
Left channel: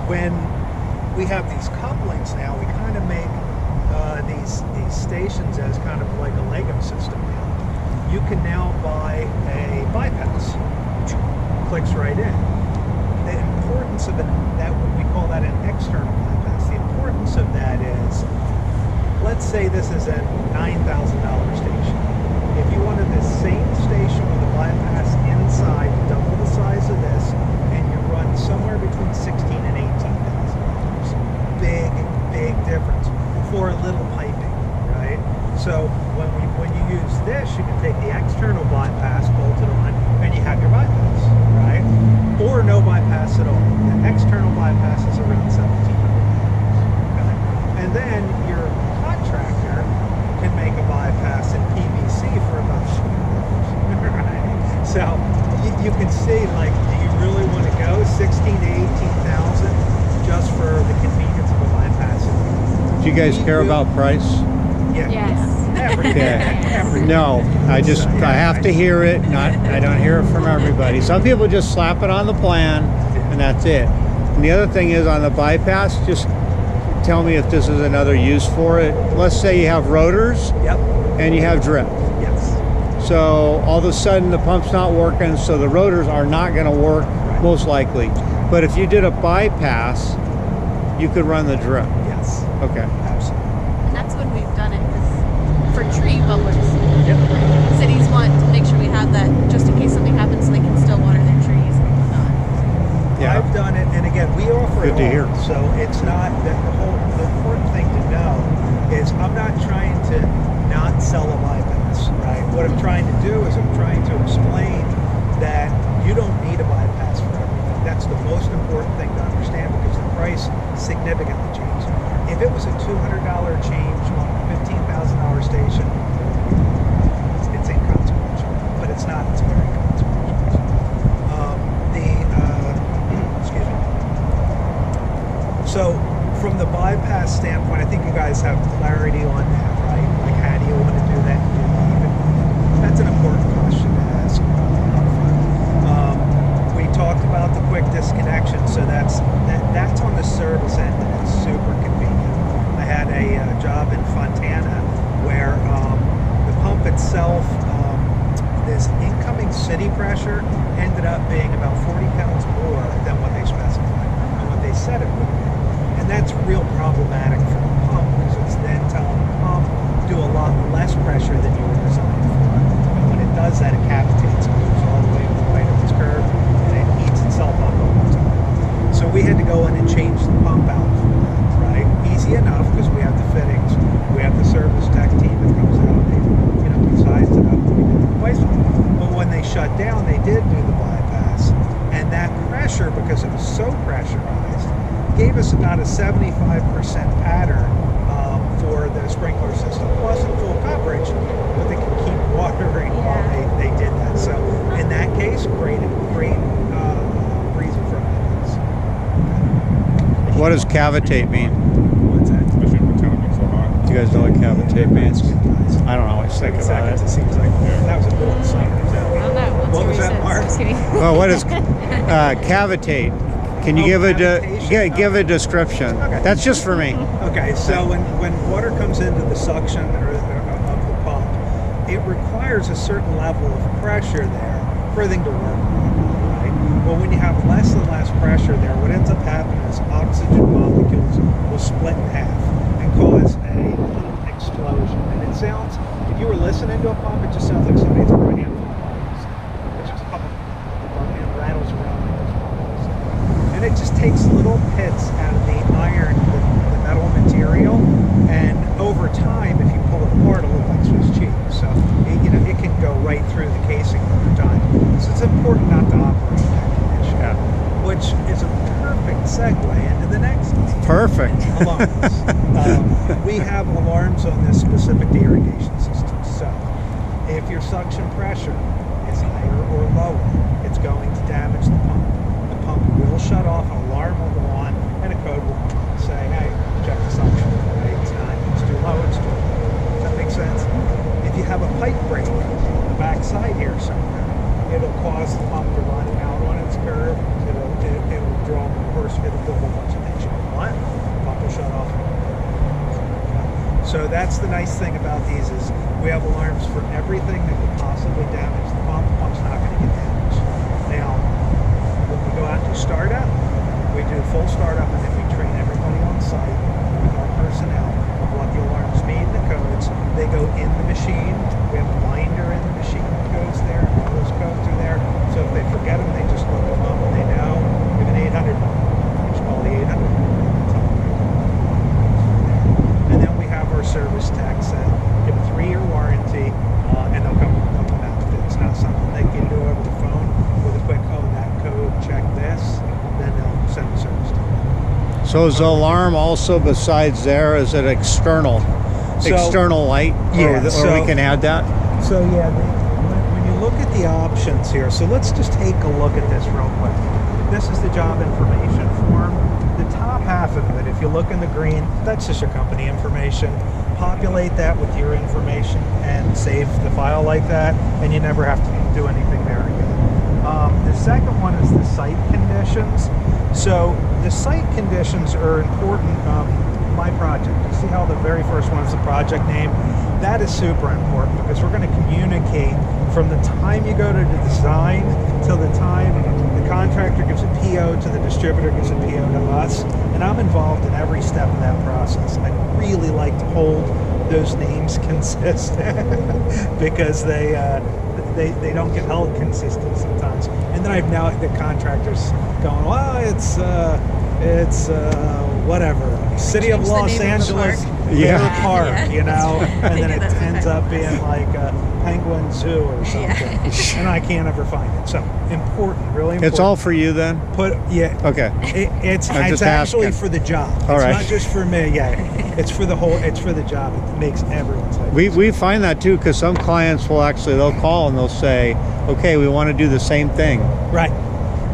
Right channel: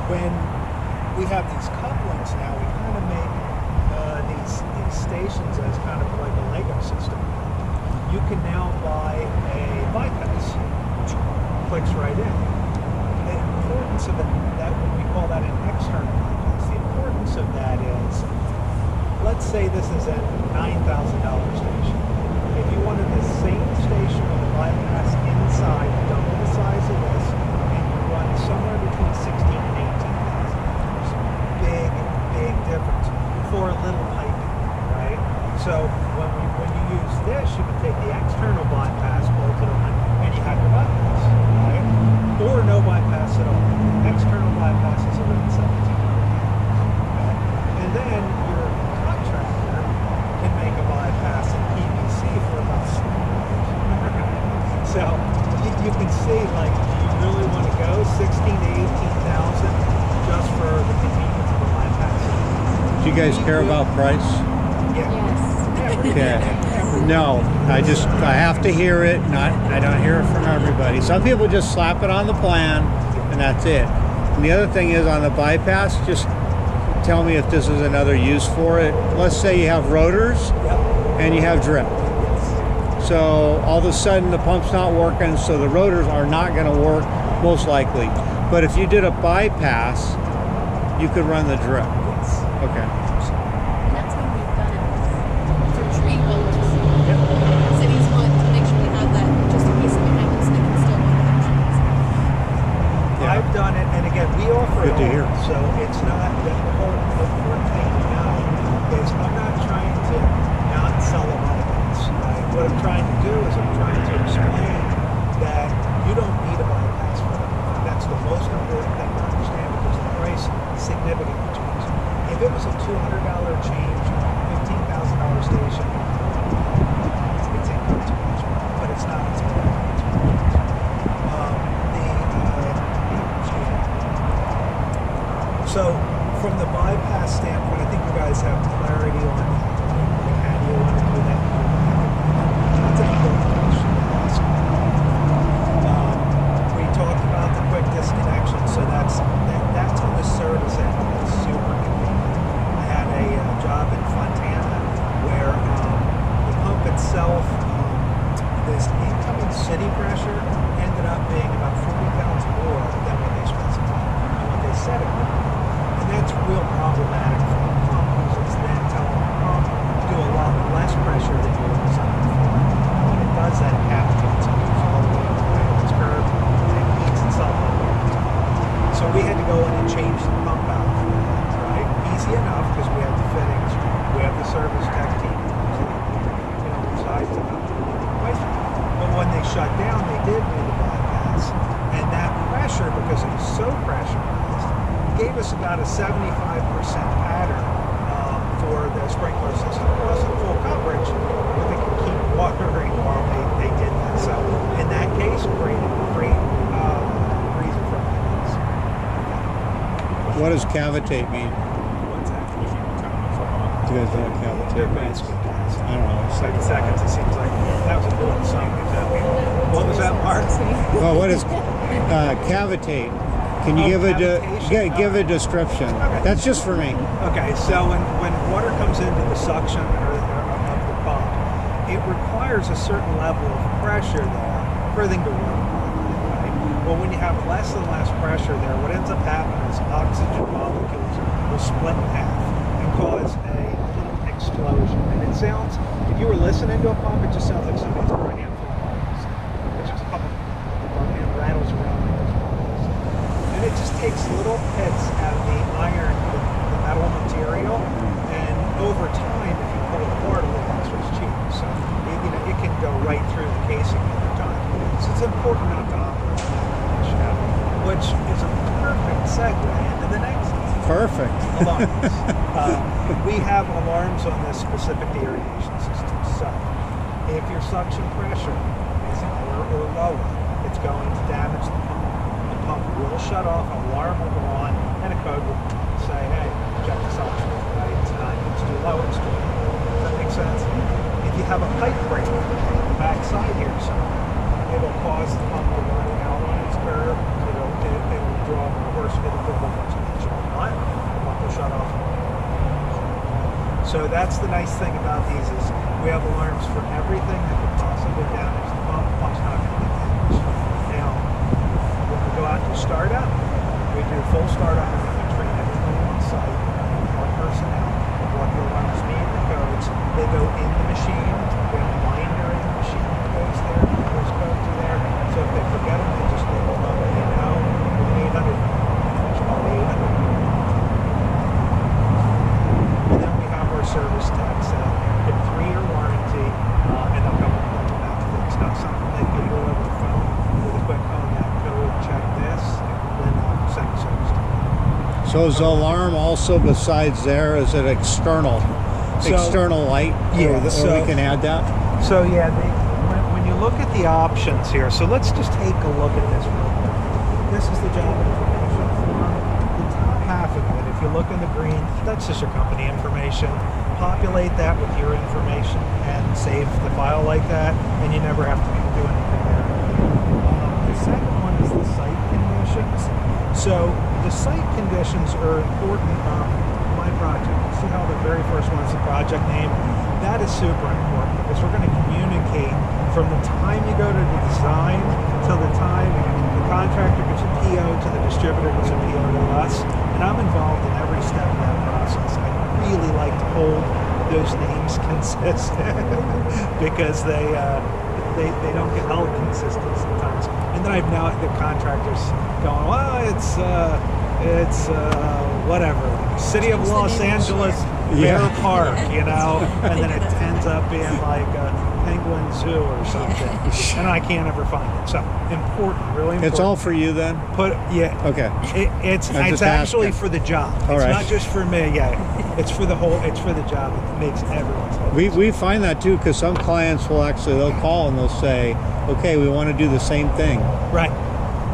when we have these couplings now, we kind of make these stations as kind of like a Lego system now. You can now buy a bypass. Clicks right in. The importance of that, we call that an external bypass. The importance of that is, let's say this is a $9,000 station. If you wanted the same station with a bypass inside, double the size of this, and you run somewhere between $16,000 and $18,000. Big difference for a little piping, right? So when you use this, you can take the external bypass, bolt it on, and you have your bypass, right? Or no bypass at all. The external bypass is around $1,700. Okay? And then your contractor can make a bypass in PVC for about $20. Right? So you can see, like, do you really want to go $16,000 to $18,000 just for the convenience of a bypass? Do you guys care about price? Yeah. Yes. Every No, I have to hear it. I don't hear it from everybody. Some people just slap it on the plan and that's it. And the other thing is, on the bypass, just tell me if this is another use for it. Let's say you have rotors Yep. and you have drip. Yes. So all of a sudden the pump's not working, so the rotors are not going to work, most likely. But if you did a bypass, you could run the drip. Yes. Okay. Absolutely. And that's when we've done it for tree bumpers. Yep. Cities want to make sure we have that just in case something happens, they can still water their trees. Yeah. I've done it, and again, we offer Good it to all. hear. So it's not the important thing to know is I'm not trying to not sell a bypass, right? What I'm trying to do is I'm trying to explain that you don't need a bypass for everything. That's the most important thing to understand, because the price significantly changes. If it was a $200 change on a $15,000 station, it's inconsequential, but it's not. It's very consequential. Excuse me. So, from the bypass standpoint, I think you guys have clarity on that, right? Like, how do you want to do that? That's an important question to ask. We talked about the quick disconnection, so that's on the service end, and it's super convenient. I had a job in Fontana where the pump itself, this incoming city pressure ended up being about 40 pounds more than what they specified and what they said it would be. And that's real problematic for the pump, because it's then telling the pump to do a lot less pressure than you were designed for. And when it does that, it cavitates and moves all the way to its curve, and it heats itself up over time. So we had to go in and change the pump out for that, right? Easy enough, because we have the fittings, we have the service tech team that comes out and decides it up and replace it. But when they shut down, they did do the bypass, and that pressure, because it was so pressurized, gave us about a 75% pattern for the sprinkler system. It wasn't full coverage, but they could keep watering while they did that. So in that case, great reason for maintenance. What does cavitate mean? What's that? If it kind of makes it hot. Do you guys know what cavitate means? Good guys. I don't know. It's like 30 seconds, it seems like that was a middle of summer. Is that what was that, Mark? Well, what is cavitate? Can you Oh, give cavitation. give a description? Okay. That's just for me. Okay, so when water comes into the suction or of the pump, it requires a certain level of pressure there for everything to work properly, right? Well, when you have less and less pressure there, what ends up happening is oxygen molecules will split in half and cause a little explosion. And it sounds, if you were listening to a pump, it just sounds like somebody threw a handful of bottles. It's just a couple and rattles around like those bottles. And it just takes little pits out of the iron, the metal material, and over time, if you pull it apart, it'll look like Swiss cheese. So it can go right through the casing over time. So it's important not to operate in that condition, which is a perfect segue into the next one. Perfect. Alarms. We have alarms on this specific to irrigation systems. So if your suction pressure is higher or lower, it's going to damage the pump. The pump will shut off, an alarm will go on, and a code will say, hey, check the suction. Right? It's not, it's too low, it's too low. Does that make sense? If you have a pipe break on the backside here somewhere, it'll cause the pump to run out on its curve. It'll draw more horse, it'll do a whole bunch of things you don't want. The pump will shut off. So that's the nice thing about these is we have alarms for everything that could possibly damage the pump. The pump's not going to get damaged. Now, when we go out to startup, we do full startup and then we train everybody on site with our personnel of what the alarms mean, the codes. They go in the machine. We have a binder in the machine that goes there. Those codes are there. So if they forget them, they just look them up and they know we have an 800 number. It's called the 800 number. And then we have our service techs that get a 3-year warranty and they'll come out to fix. Not something they can do over the phone with a quick, oh, that code, check this, then they'll send the service tech. So is the alarm also besides there? Is it external light? Yeah, Or we can add that. So yeah, when you look at the options here, so let's just take a look at this real quick. This is the job information form. The top half of it, if you look in the green, that's just your company information. Populate that with your information and save the file like that, and you never have to do anything there again. The second one is the site conditions. So the site conditions are important. My project, you see how the very first one is the project name? That is super important because we're going to communicate from the time you go to the design till the time the contractor gets a PO to the distributor gets a PO to us. And I'm involved in every step of that process. I really like to hold those names consistent because they don't get held consistent sometimes. And then I've now the contractors going, well, it's whatever, City of Change the Los name of the Angeles park. Bear Yeah. Park, Yeah. you know, and then I it get that. ends up being like a Penguin Zoo or something, Yeah. and I can't ever find it. So important, really important. It's all for you then? Okay. It's I'm just actually asking. for the job. All It's right. not just for me. Yeah, it's for the whole. It's for the job. It makes everyone's life. We find that too because some clients will they'll call and they'll say, okay, we want to do the same thing. Right.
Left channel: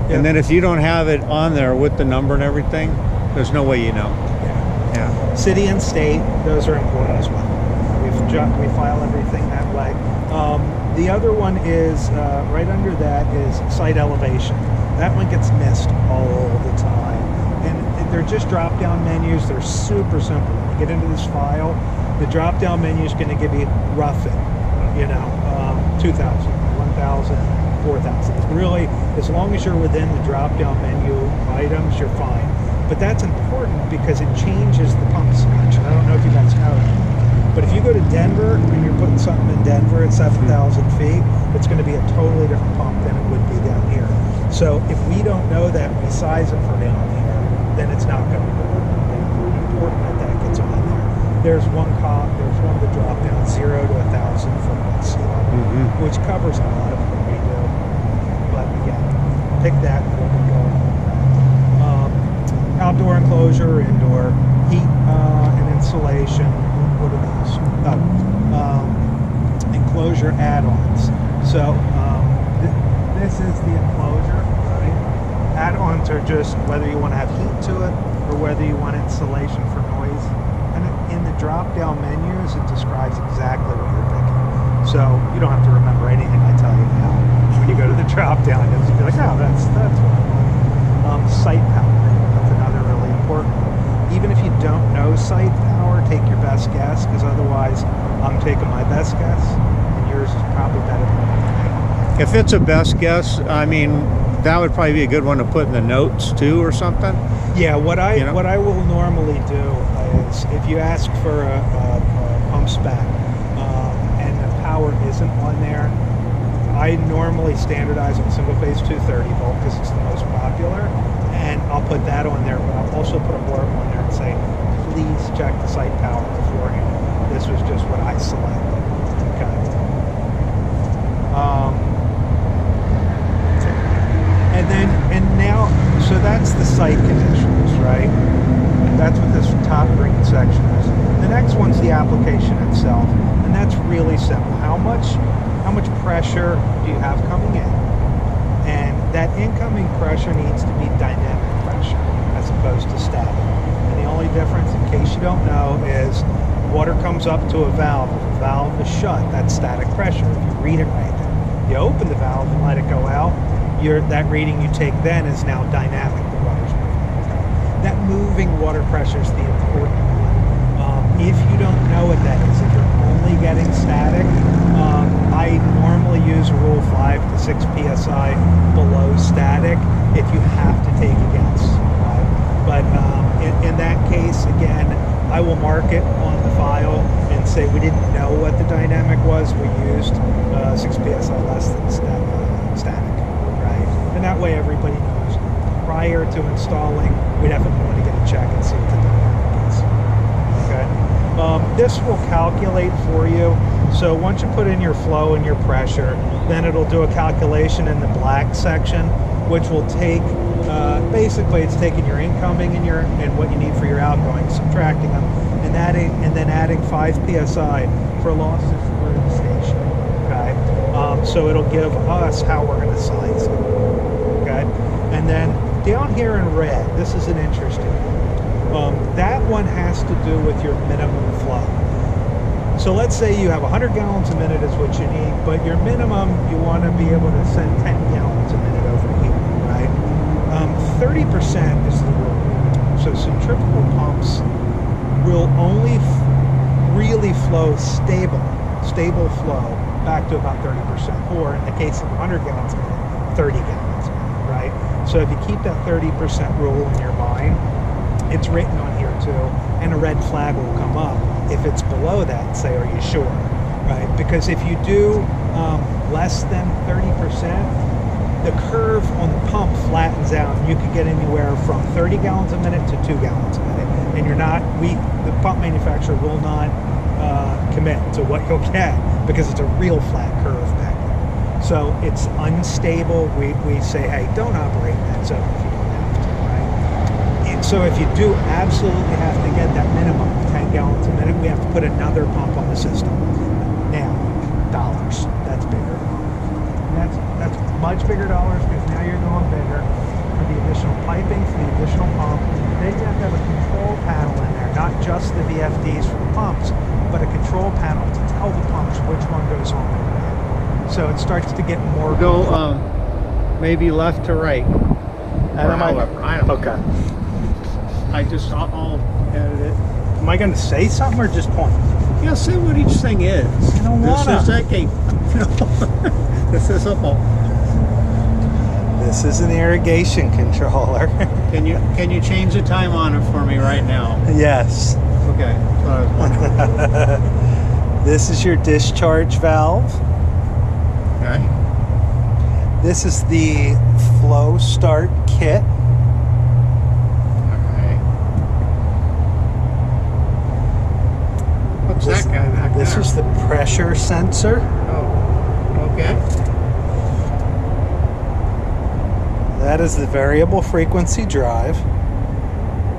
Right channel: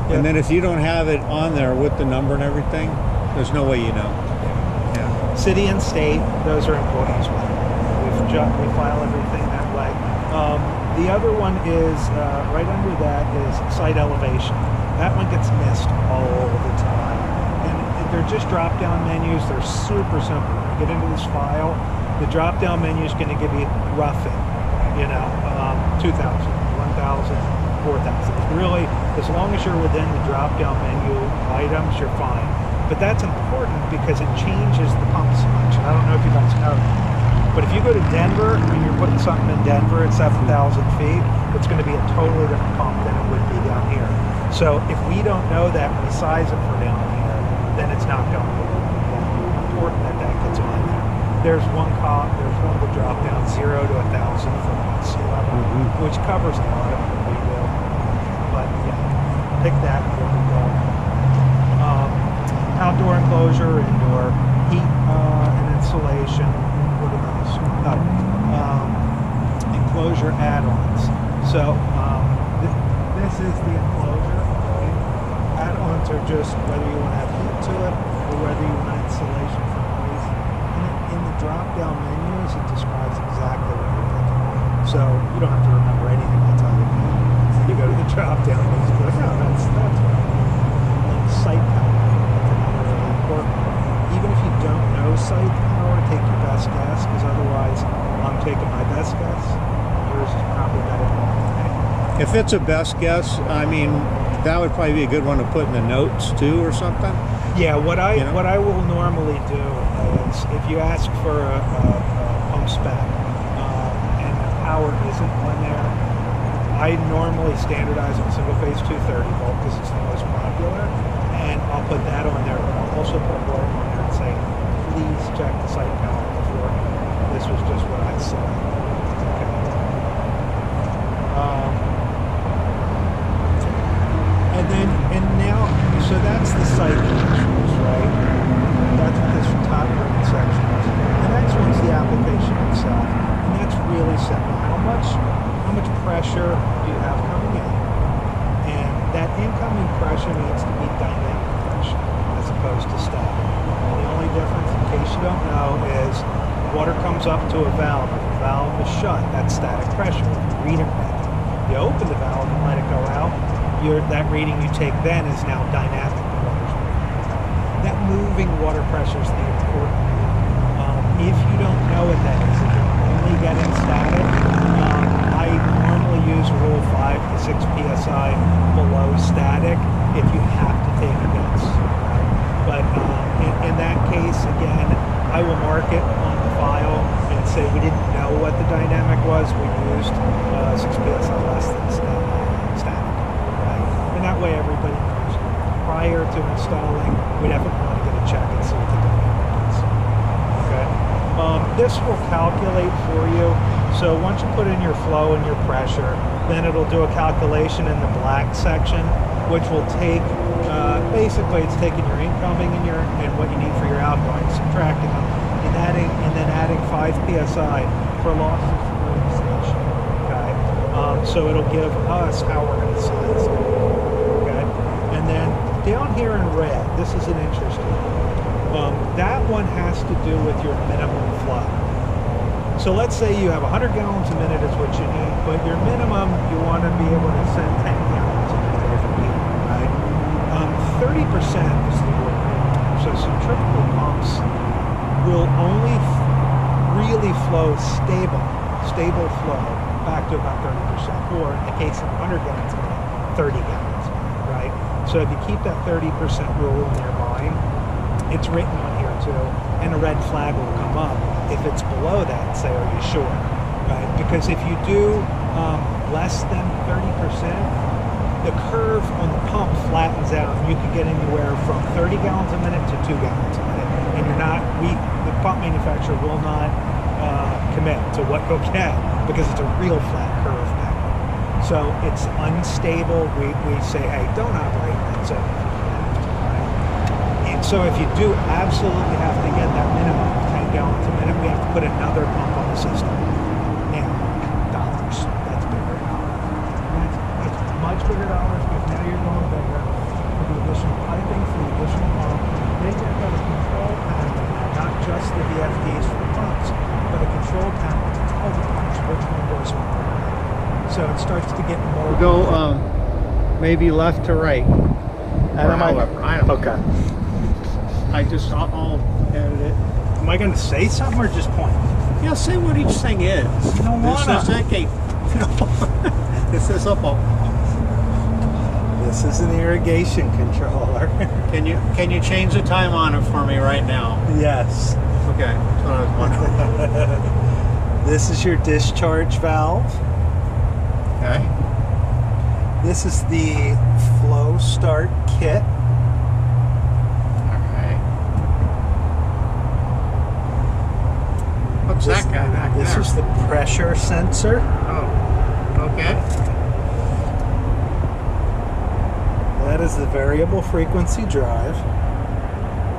And then if you don't have it on there with the number and everything, there's no way you know. Yeah. City and state, those are important as well. We file everything that way. The other one is right under that is site elevation. That one gets missed all the time. And they're just drop-down menus. They're super simple. When you get into this file, the drop-down menu is going to give you roughing, 2,000, 1,000, 4,000. It's really, as long as you're within the drop-down menu items, you're fine. But that's important because it changes the pump selection. I don't know if you guys know that. But if you go to Denver and you're putting something in Denver at 7,000 feet, it's going to be a totally different pump than it would be down here. So if we don't know that when we size it for down here, then it's not going to work. It's important that that gets on there. There's one of the drop down 0 to 1,000 for sea level, which covers a lot of what we do. But yeah, pick that and we'll be going. Outdoor enclosure, indoor heat and insulation. What are those? Enclosure add-ons. So this is the enclosure. Right? Add-ons are just whether you want to have heat to it or whether you want insulation for noise. And in the drop-down menus, it describes exactly what you're picking. So you don't have to remember anything I tell you now. When you go to the drop-down, you'll just be like, oh, that's what I want. Site power. That's another really important one. Even if you don't know site power, take your best guess, because otherwise I'm taking my best guess, and yours is probably better than mine. If it's a best guess, I mean, that would probably be a good one to put in the notes too, or something. Yeah, what I You know? what I will normally do is if you ask for a pump spec and the power isn't on there, I normally standardize on single phase 230 volt because it's the most popular, and I'll put that on there. But I'll also put a blurb on there and say, please check the site power beforehand. This was just what I selected. Okay. And now, so that's the site conditions, right? That's what this top green section is. The next one's the application itself, and that's really simple. How much pressure do you have coming in? And that incoming pressure needs to be dynamic pressure as opposed to static. And the only difference, in case you don't know, is water comes up to a valve. If the valve is shut, that's static pressure. If you read it right then, you open the valve and let it go out, that reading you take then is now dynamic. The water's moving. Okay? That moving water pressure is the important one. If you don't know what that is, if you're only getting static, I normally use a rule 5 to 6 psi below static if you have to take a guess. Right? But in that case, again, I will mark it on the file and say we didn't know what the dynamic was. We used 6 psi less than static. And that way everybody knows. Prior to installing, we definitely want to get a check and see what the dynamic is. Okay. This will calculate for you. So once you put in your flow and your pressure, then it'll do a calculation in the black section, which will take, basically it's taking your incoming and what you need for your outgoing, subtracting them, and then adding 5 psi for losses through the station. Okay. So it'll give us how we're going to size it. And then down here in red, this is an interesting one. That one has to do with your minimum flow. So let's say you have 100 gallons a minute is what you need, but your minimum, you want to be able to send 10 gallons a minute over here, right? 30% is the rule. So centrifugal pumps will only really flow stable flow back to about 30%, or in the case of 100 gallons a minute, 30 gallons a minute, right? So if you keep that 30% rule in your mind, it's written on here too, and a red flag will come up. If it's below that, say, are you sure? Right? Because if you do less than 30%, the curve on the pump flattens out, and you can get anywhere from 30 gallons a minute to 2 gallons a minute. And the pump manufacturer will not commit to what you'll get because it's a real flat curve back there. So it's unstable. We say, hey, don't operate in that zone if you don't have to, right? And so if you do absolutely have to get that minimum of 10 gallons a minute, we have to put another pump on the system. Now, dollars. That's bigger dollars. That's much bigger dollars because now you're going bigger for the additional piping, for the additional pump. Then you have to have a control panel in there, not just the VFDs for the pumps, but a control panel to tell the pumps which one goes on. So it starts to get more. Go maybe left to right. However, I don't know. Okay. I'll edit it. Am I going to say something or just point? Yeah, say what each thing is. I don't wanna. This is okay. This is a pump. This is an irrigation controller. Can you change the time on it for me right now? Yes. Okay, that's what I was wondering. This is your discharge valve. Okay. This is the flow start kit. All right. What's that guy back This there? is the pressure sensor. Oh, okay. That is the variable frequency drive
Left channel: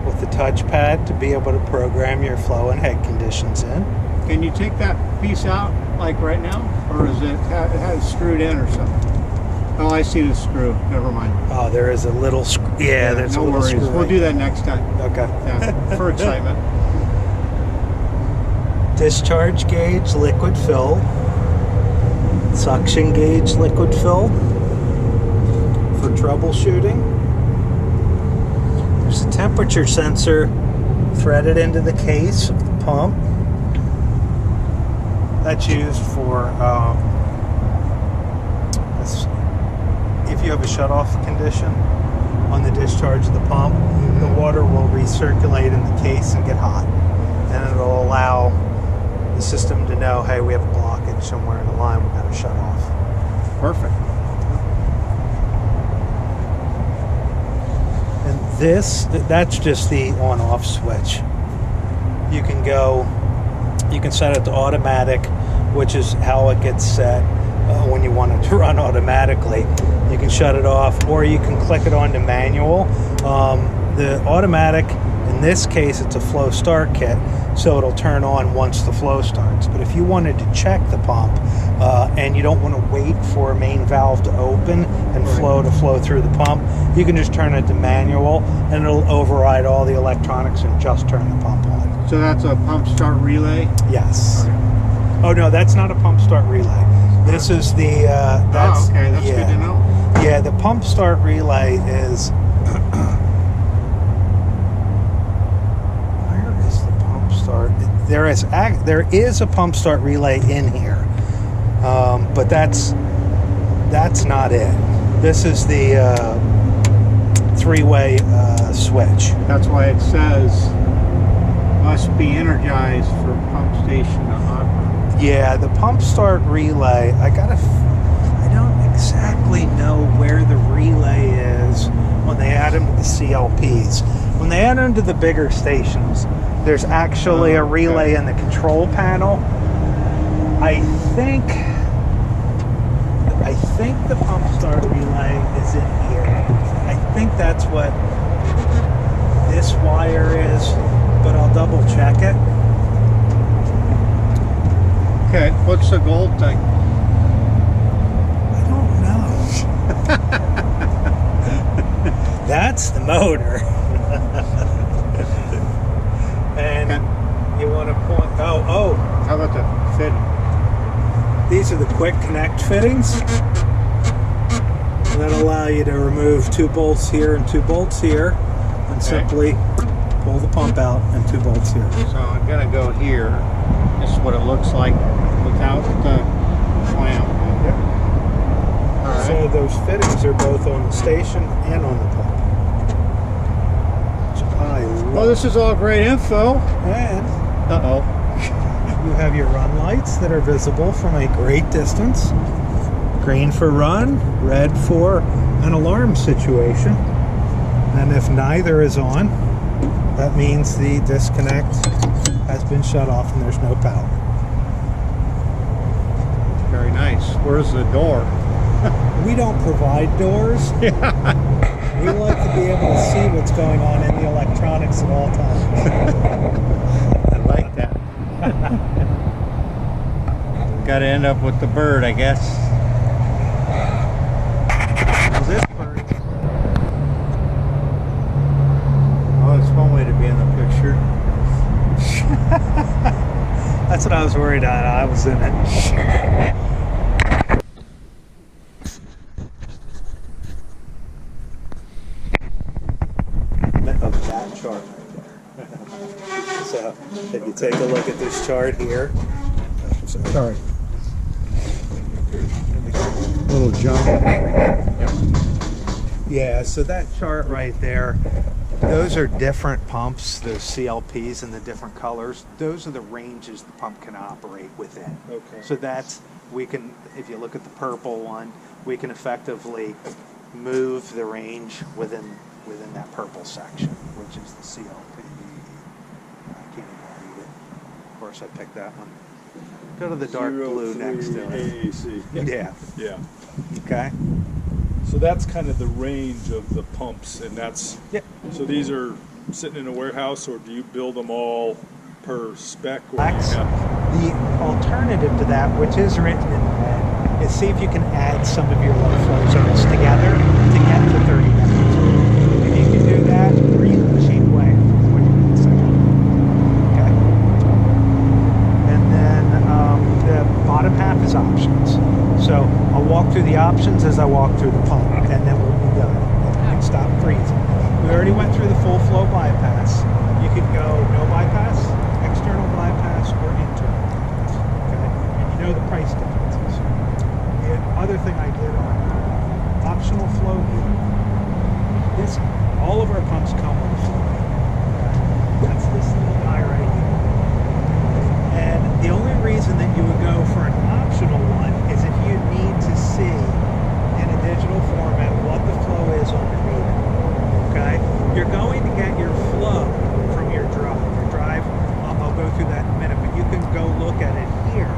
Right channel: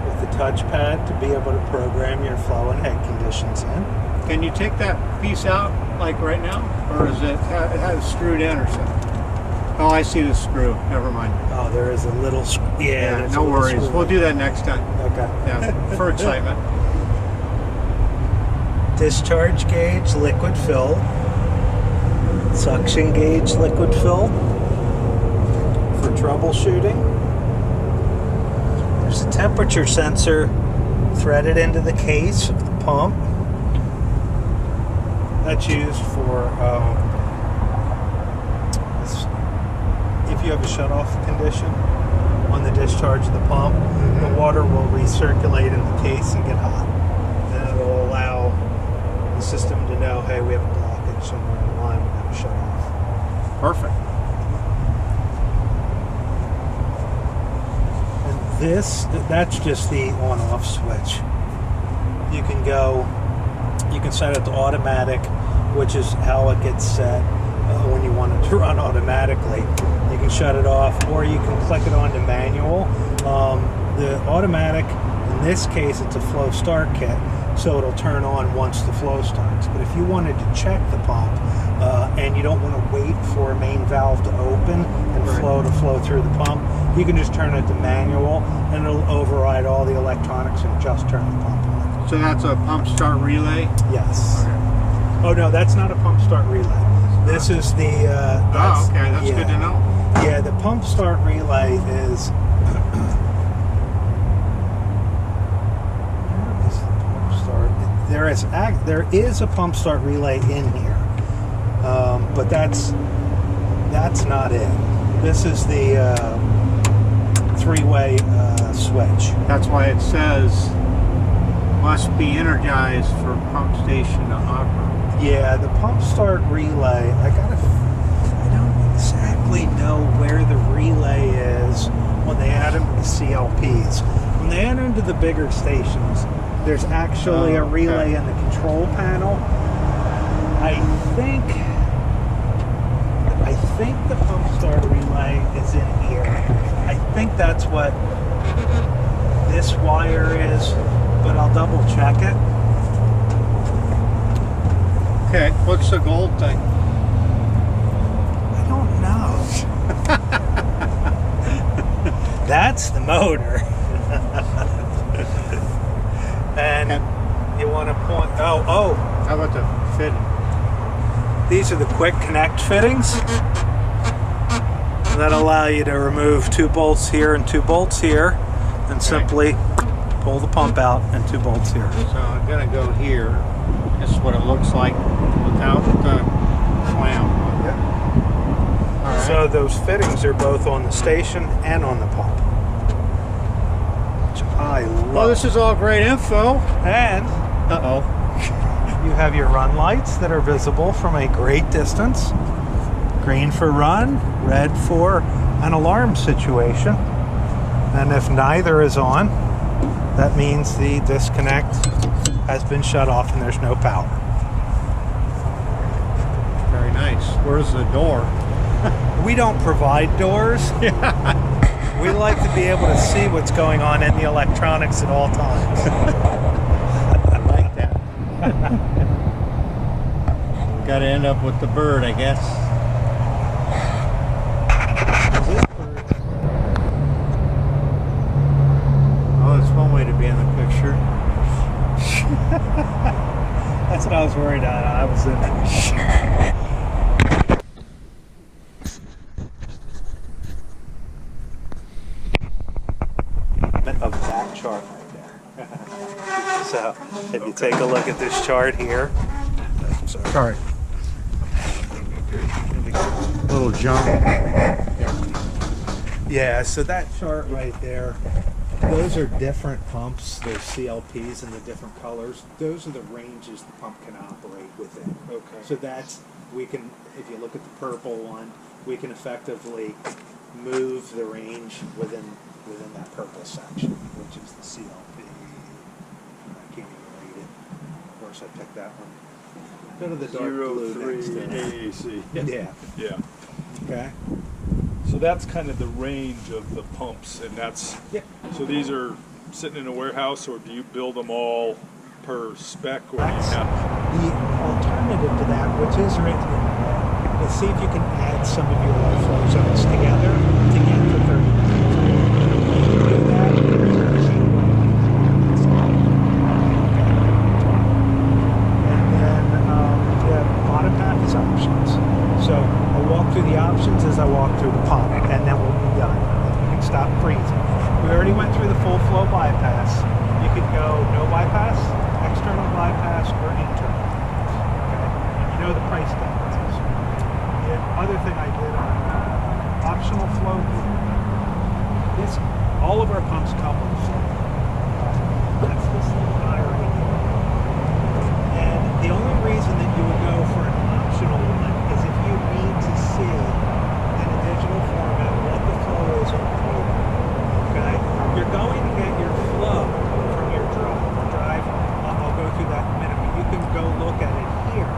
with the touchpad to be able to program your flow and head conditions in. Can you take that piece out like right now, or is it has screwed in or something? Oh, I see the screw. Never mind. Oh, there is a little yeah, there's no a little worries. screw We'll right do that next time. Okay. Yeah, for excitement. Discharge gauge, liquid fill. Suction gauge, liquid fill. For troubleshooting. There's a temperature sensor threaded into the case of the pump. That's used for if you have a shutoff condition on the discharge of the pump, the water will recirculate in the case and get hot. And it'll allow the system to know, hey, we have a blockage somewhere in the line, we're going to shut off. Perfect. And that's just the on-off switch. You can set it to automatic, which is how it gets set when you want it to run automatically. You can shut it off, or you can click it onto manual. The automatic, in this case, it's a flow start kit, so it'll turn on once the flow starts. But if you wanted to check the pump and you don't want to wait for a main valve to open and flow to flow through the pump, you can just turn it to manual and it'll override all the electronics and just turn the pump on. So that's a pump start relay? Yes. Oh no, that's not a pump start relay. This is the. Oh, okay, that's good to know. Yeah, the pump start relay is. Where is the pump start? There is a pump start relay in here, but that's not it. This is the three-way switch. That's why it says must be energized for pump station to operate. Yeah, the pump start relay, I don't exactly know where the relay is when they add them to the CLPs. When they add them to the bigger stations, there's actually a relay in the control panel. I think the pump start relay is in here. I think that's what this wire is, but I'll double check it. Okay, what's the gold thing? I don't know. That's the motor. And you want to point, oh. How about the fitting? These are the quick connect fittings. That allow you to remove 2 bolts here and 2 bolts here, and simply pull the pump out and 2 bolts here. So I'm gonna go here. This is what it looks like without the clamp. All right. So those fittings are both on the station and on the pump. Which I love. Well, this is all great info. And you have your run lights that are visible from a great distance. Green for run, red for an alarm situation. And if neither is on, that means the disconnect has been shut off and there's no power. Very nice. Where's the door? We don't provide doors. We like to be able to see what's going on in the electronics at all times. I like that. Got to end up with the bird, I guess. This bird. Oh, it's one way to be in the picture. That's what I was worried about. I was in it. Of that chart right there. So if you take a look at this chart here, Sorry. Little jump. yeah, so that chart right there, those are different pumps, those CLPs in the different colors. Those are the ranges the pump can operate within. Okay. So that's, we can, if you look at the purple one, we can effectively move the range within that purple section, which is the CLP. I can't even read it. Of course, I picked that one. Go to the dark blue next to it. AAC. Yeah. Yeah. Okay. So that's kind of the range of the pumps, and that's, Yeah. so these are sitting in a warehouse, or do you build them all per spec? Or do you That's have- the alternative to that, which is written in red, is see if you can add some of your low flow zones together to get to 30 minutes. If you can do that, read the machine away. Okay. And then the bottom half is options. So I'll walk through the options as I walk through the pump, and then we'll be done. You can stop freezing. We already went through the full flow bypass. You could go no bypass, external bypass, or internal bypass. Okay, and you know the price differences. The other thing I did on optional flow heater. This, all of our pumps come with a flow heater. That's this little guy right here. And the only reason that you would go for an optional one is if you need to see in a digital format what the flow is on your meter. Okay? You're going to get your flow from your drive. Your drive, I'll go through that in a minute, but you can go look at it here.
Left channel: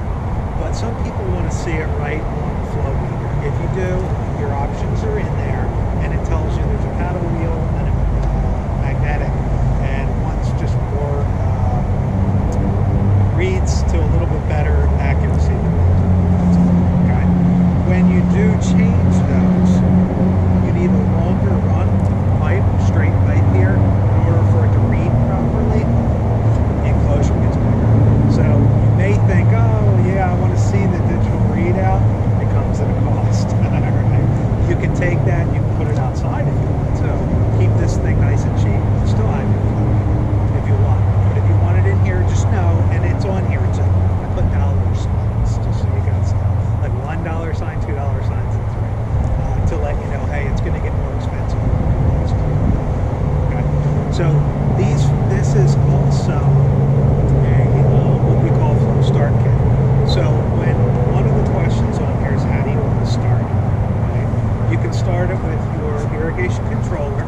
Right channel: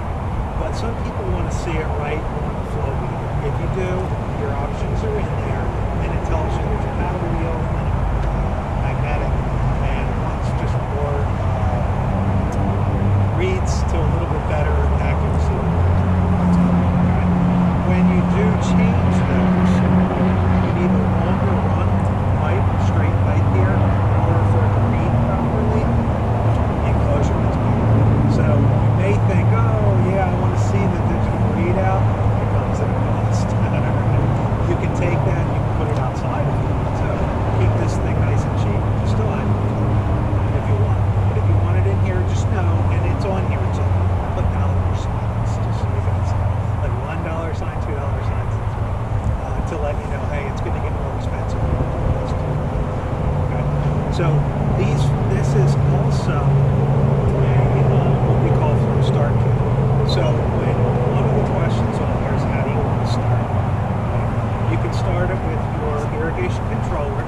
But some people want to see it right on the flow meter. If you do, your options are in there, and it tells you there's a paddle wheel and a magnetic, and one's just more reads to a little bit better accuracy than the other. Okay? When you do change those, you need a longer run pipe, straight pipe here, in order for it to read properly. The enclosure gets bigger. So you may think, oh yeah, I want to see the digital readout. It comes at a cost. You can take that and you can put it outside if you want to. Keep this thing nice and cheap. Still have it if you want. But if you want it in here, just know, and it's on here too. I put dollar signs just so you guys know. Like $1 sign, $2 signs, and $3. To let you know, hey, it's going to get more expensive. Okay. So this is also what we call flow start kit. So when one of the questions on here is how do you want to start it? Right? You can start it with your irrigation controller.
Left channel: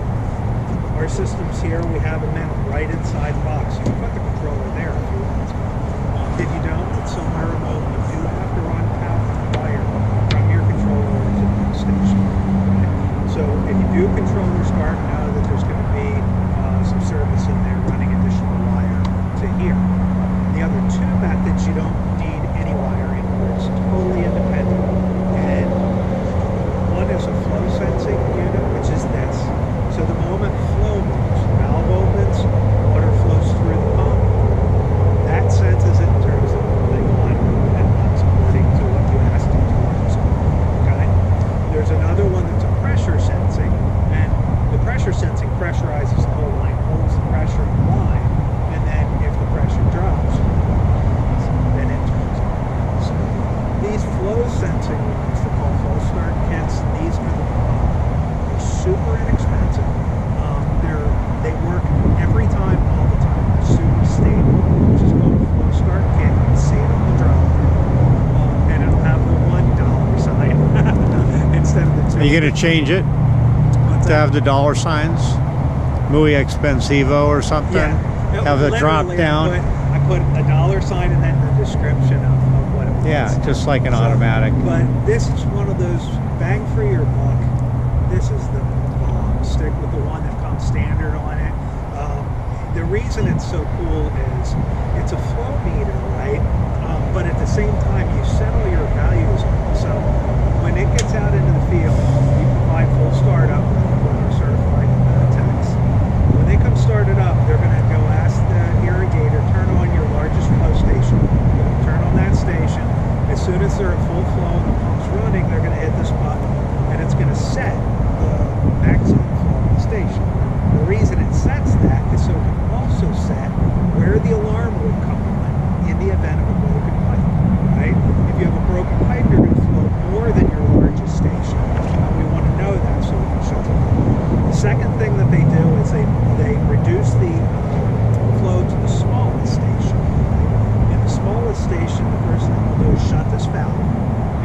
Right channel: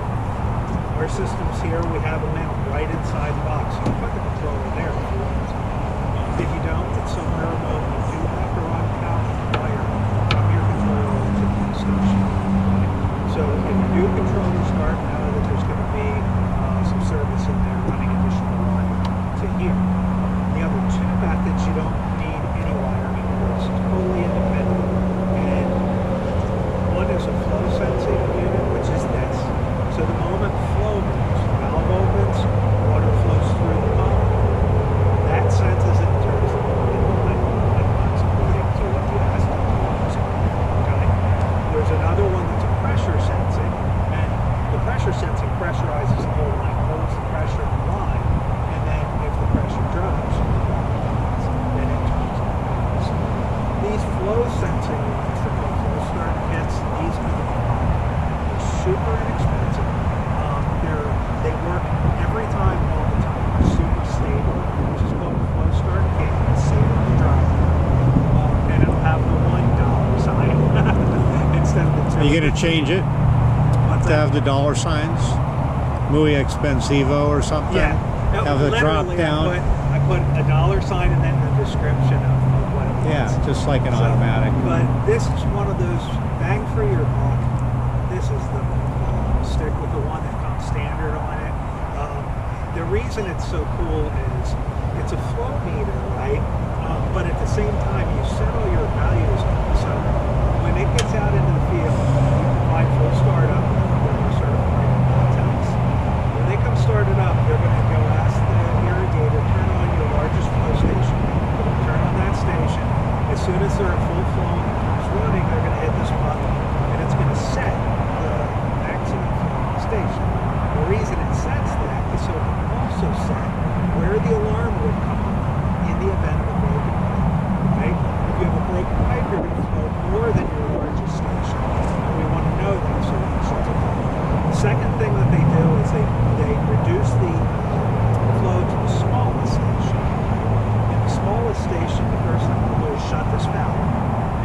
Our systems here, we have them mounted right inside the box. You can put the controller there if you want to. If you don't, it's somewhere remote. You do have to run power wire from your controller into the station. Right? So if you do controller start, know that there's going to be some service in there running additional wire to here. The other two methods, you don't need any wiring. It's totally independent. And one is a flow sensing unit, which is this. So the moment flow moves, valve opens, water flows through the pump, that senses it in terms of moving on and runs according to what you asked it to run. Okay? There's another one that's a pressure sensing, and the pressure sensing pressurizes the whole line, holds the pressure in the line, and then if the pressure drops, then it turns on. So these flow sensing ones, they're called flow start kits. These are the they're super inexpensive. They work every time, all the time. They're super stable. Just go to flow start kit and save it in the drive, and it'll have the $1 sign instead of the $2. Are you going to change it to have the dollar signs? Muy expensivo or something? Yeah. Have the drop Literally, down? I put a $1 sign and then the description of what it was. Yeah, just like an automatic. But this is one of those bang for your buck. This is the bomb. Stick with the one that comes standard on it. The reason it's so cool is it's a flow meter, right? But at the same time, you set all your values on it. So when it gets out into the field, you provide full startup with our certified techs. When they come started up, they're going to go ask the irrigator, turn on your largest flow station. Turn on that station. As soon as they're at full flow and the pump's running, they're going to hit this button, and it's going to set the maximum flow on the station. The reason it sets that is so it can also set where the alarm would come on in the event of a broken pipe, right? If you have a broken pipe, you're going to flow more than your largest station, and we want to know that so we can shut it down. The second thing that they do is they reduce the flow to the smallest station. In the smallest station, the first thing we'll do is shut this valve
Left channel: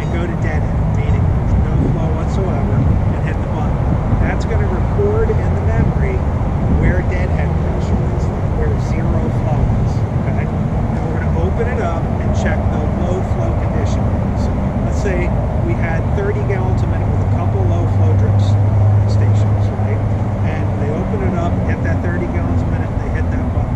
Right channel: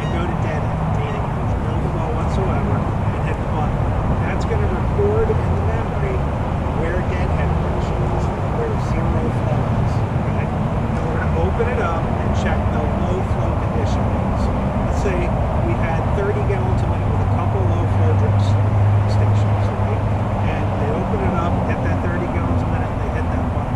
and go to dead end, meaning there's no flow whatsoever, and hit the button. That's going to record in the memory where deadhead pressure is, where zero flow is. Okay? And we're going to open it up and check the low flow conditions. Let's say we had 30 gallons a minute with a couple low flow drips stations, right? And they open it up, hit that 30 gallons a minute, they hit that button.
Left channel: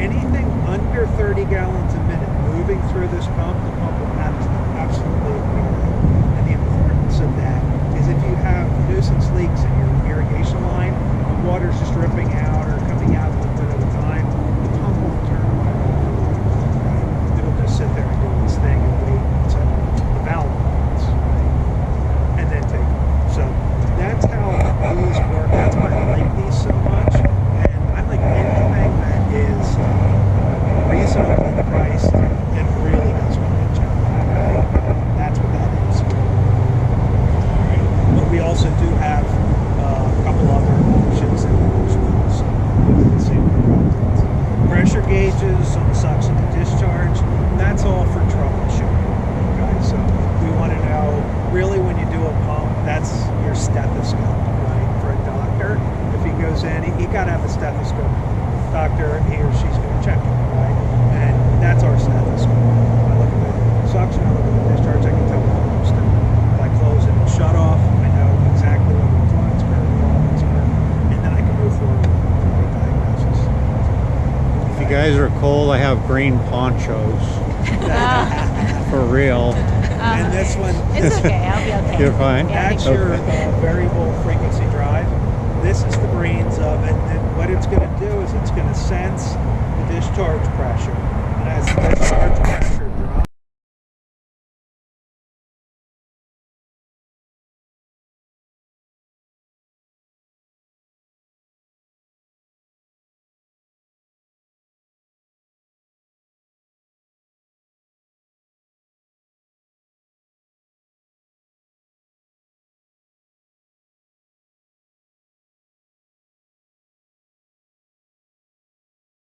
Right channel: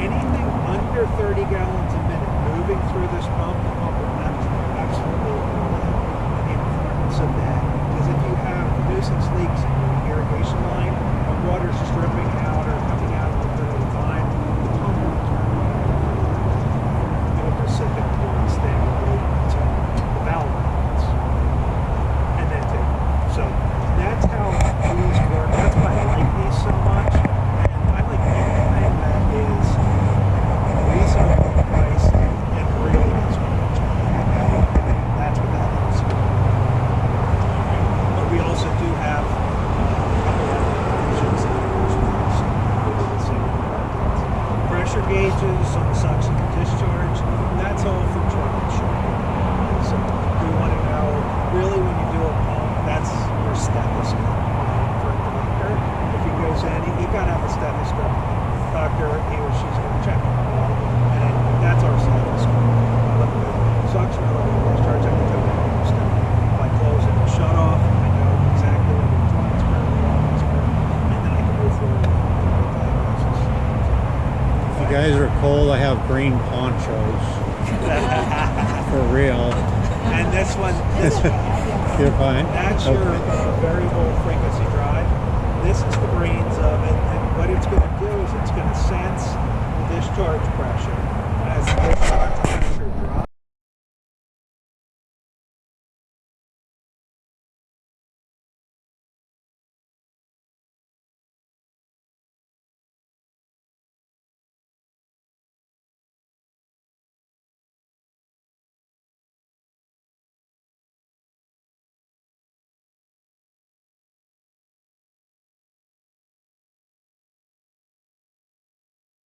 Anything under 30 gallons a minute moving through this pump, the pump will absolutely ignore it. And the importance of that is if you have nuisance leaks in your irrigation line and water's just dripping out or coming out a little bit at a time, the pump won't turn on. It'll just sit there and do its thing and wait until the valve opens and then take it. So that's how these work. That's why I like these so much. And I like anything that is reasonably priced and really does a great job. Right? That's what that is. That's your stethoscope, right? For a doctor, if he goes in, he got to have a stethoscope. Doctor, he or she's going to check it, right? And that's our stethoscope. I look at the suction, I look at the discharge, I can tell what I'm doing. If I close it and shut off, I know exactly whether it's lines curve or lines curve, and then I can move forward with the diagnosis. If you guys are cold, I have green ponchos. For real. And this one, It's okay. I'll be okay. You're fine? that's your Okay. variable frequency drive. This is the brains of it, and what it's going to do is it's going to sense the discharge pressure. And as the discharge pressure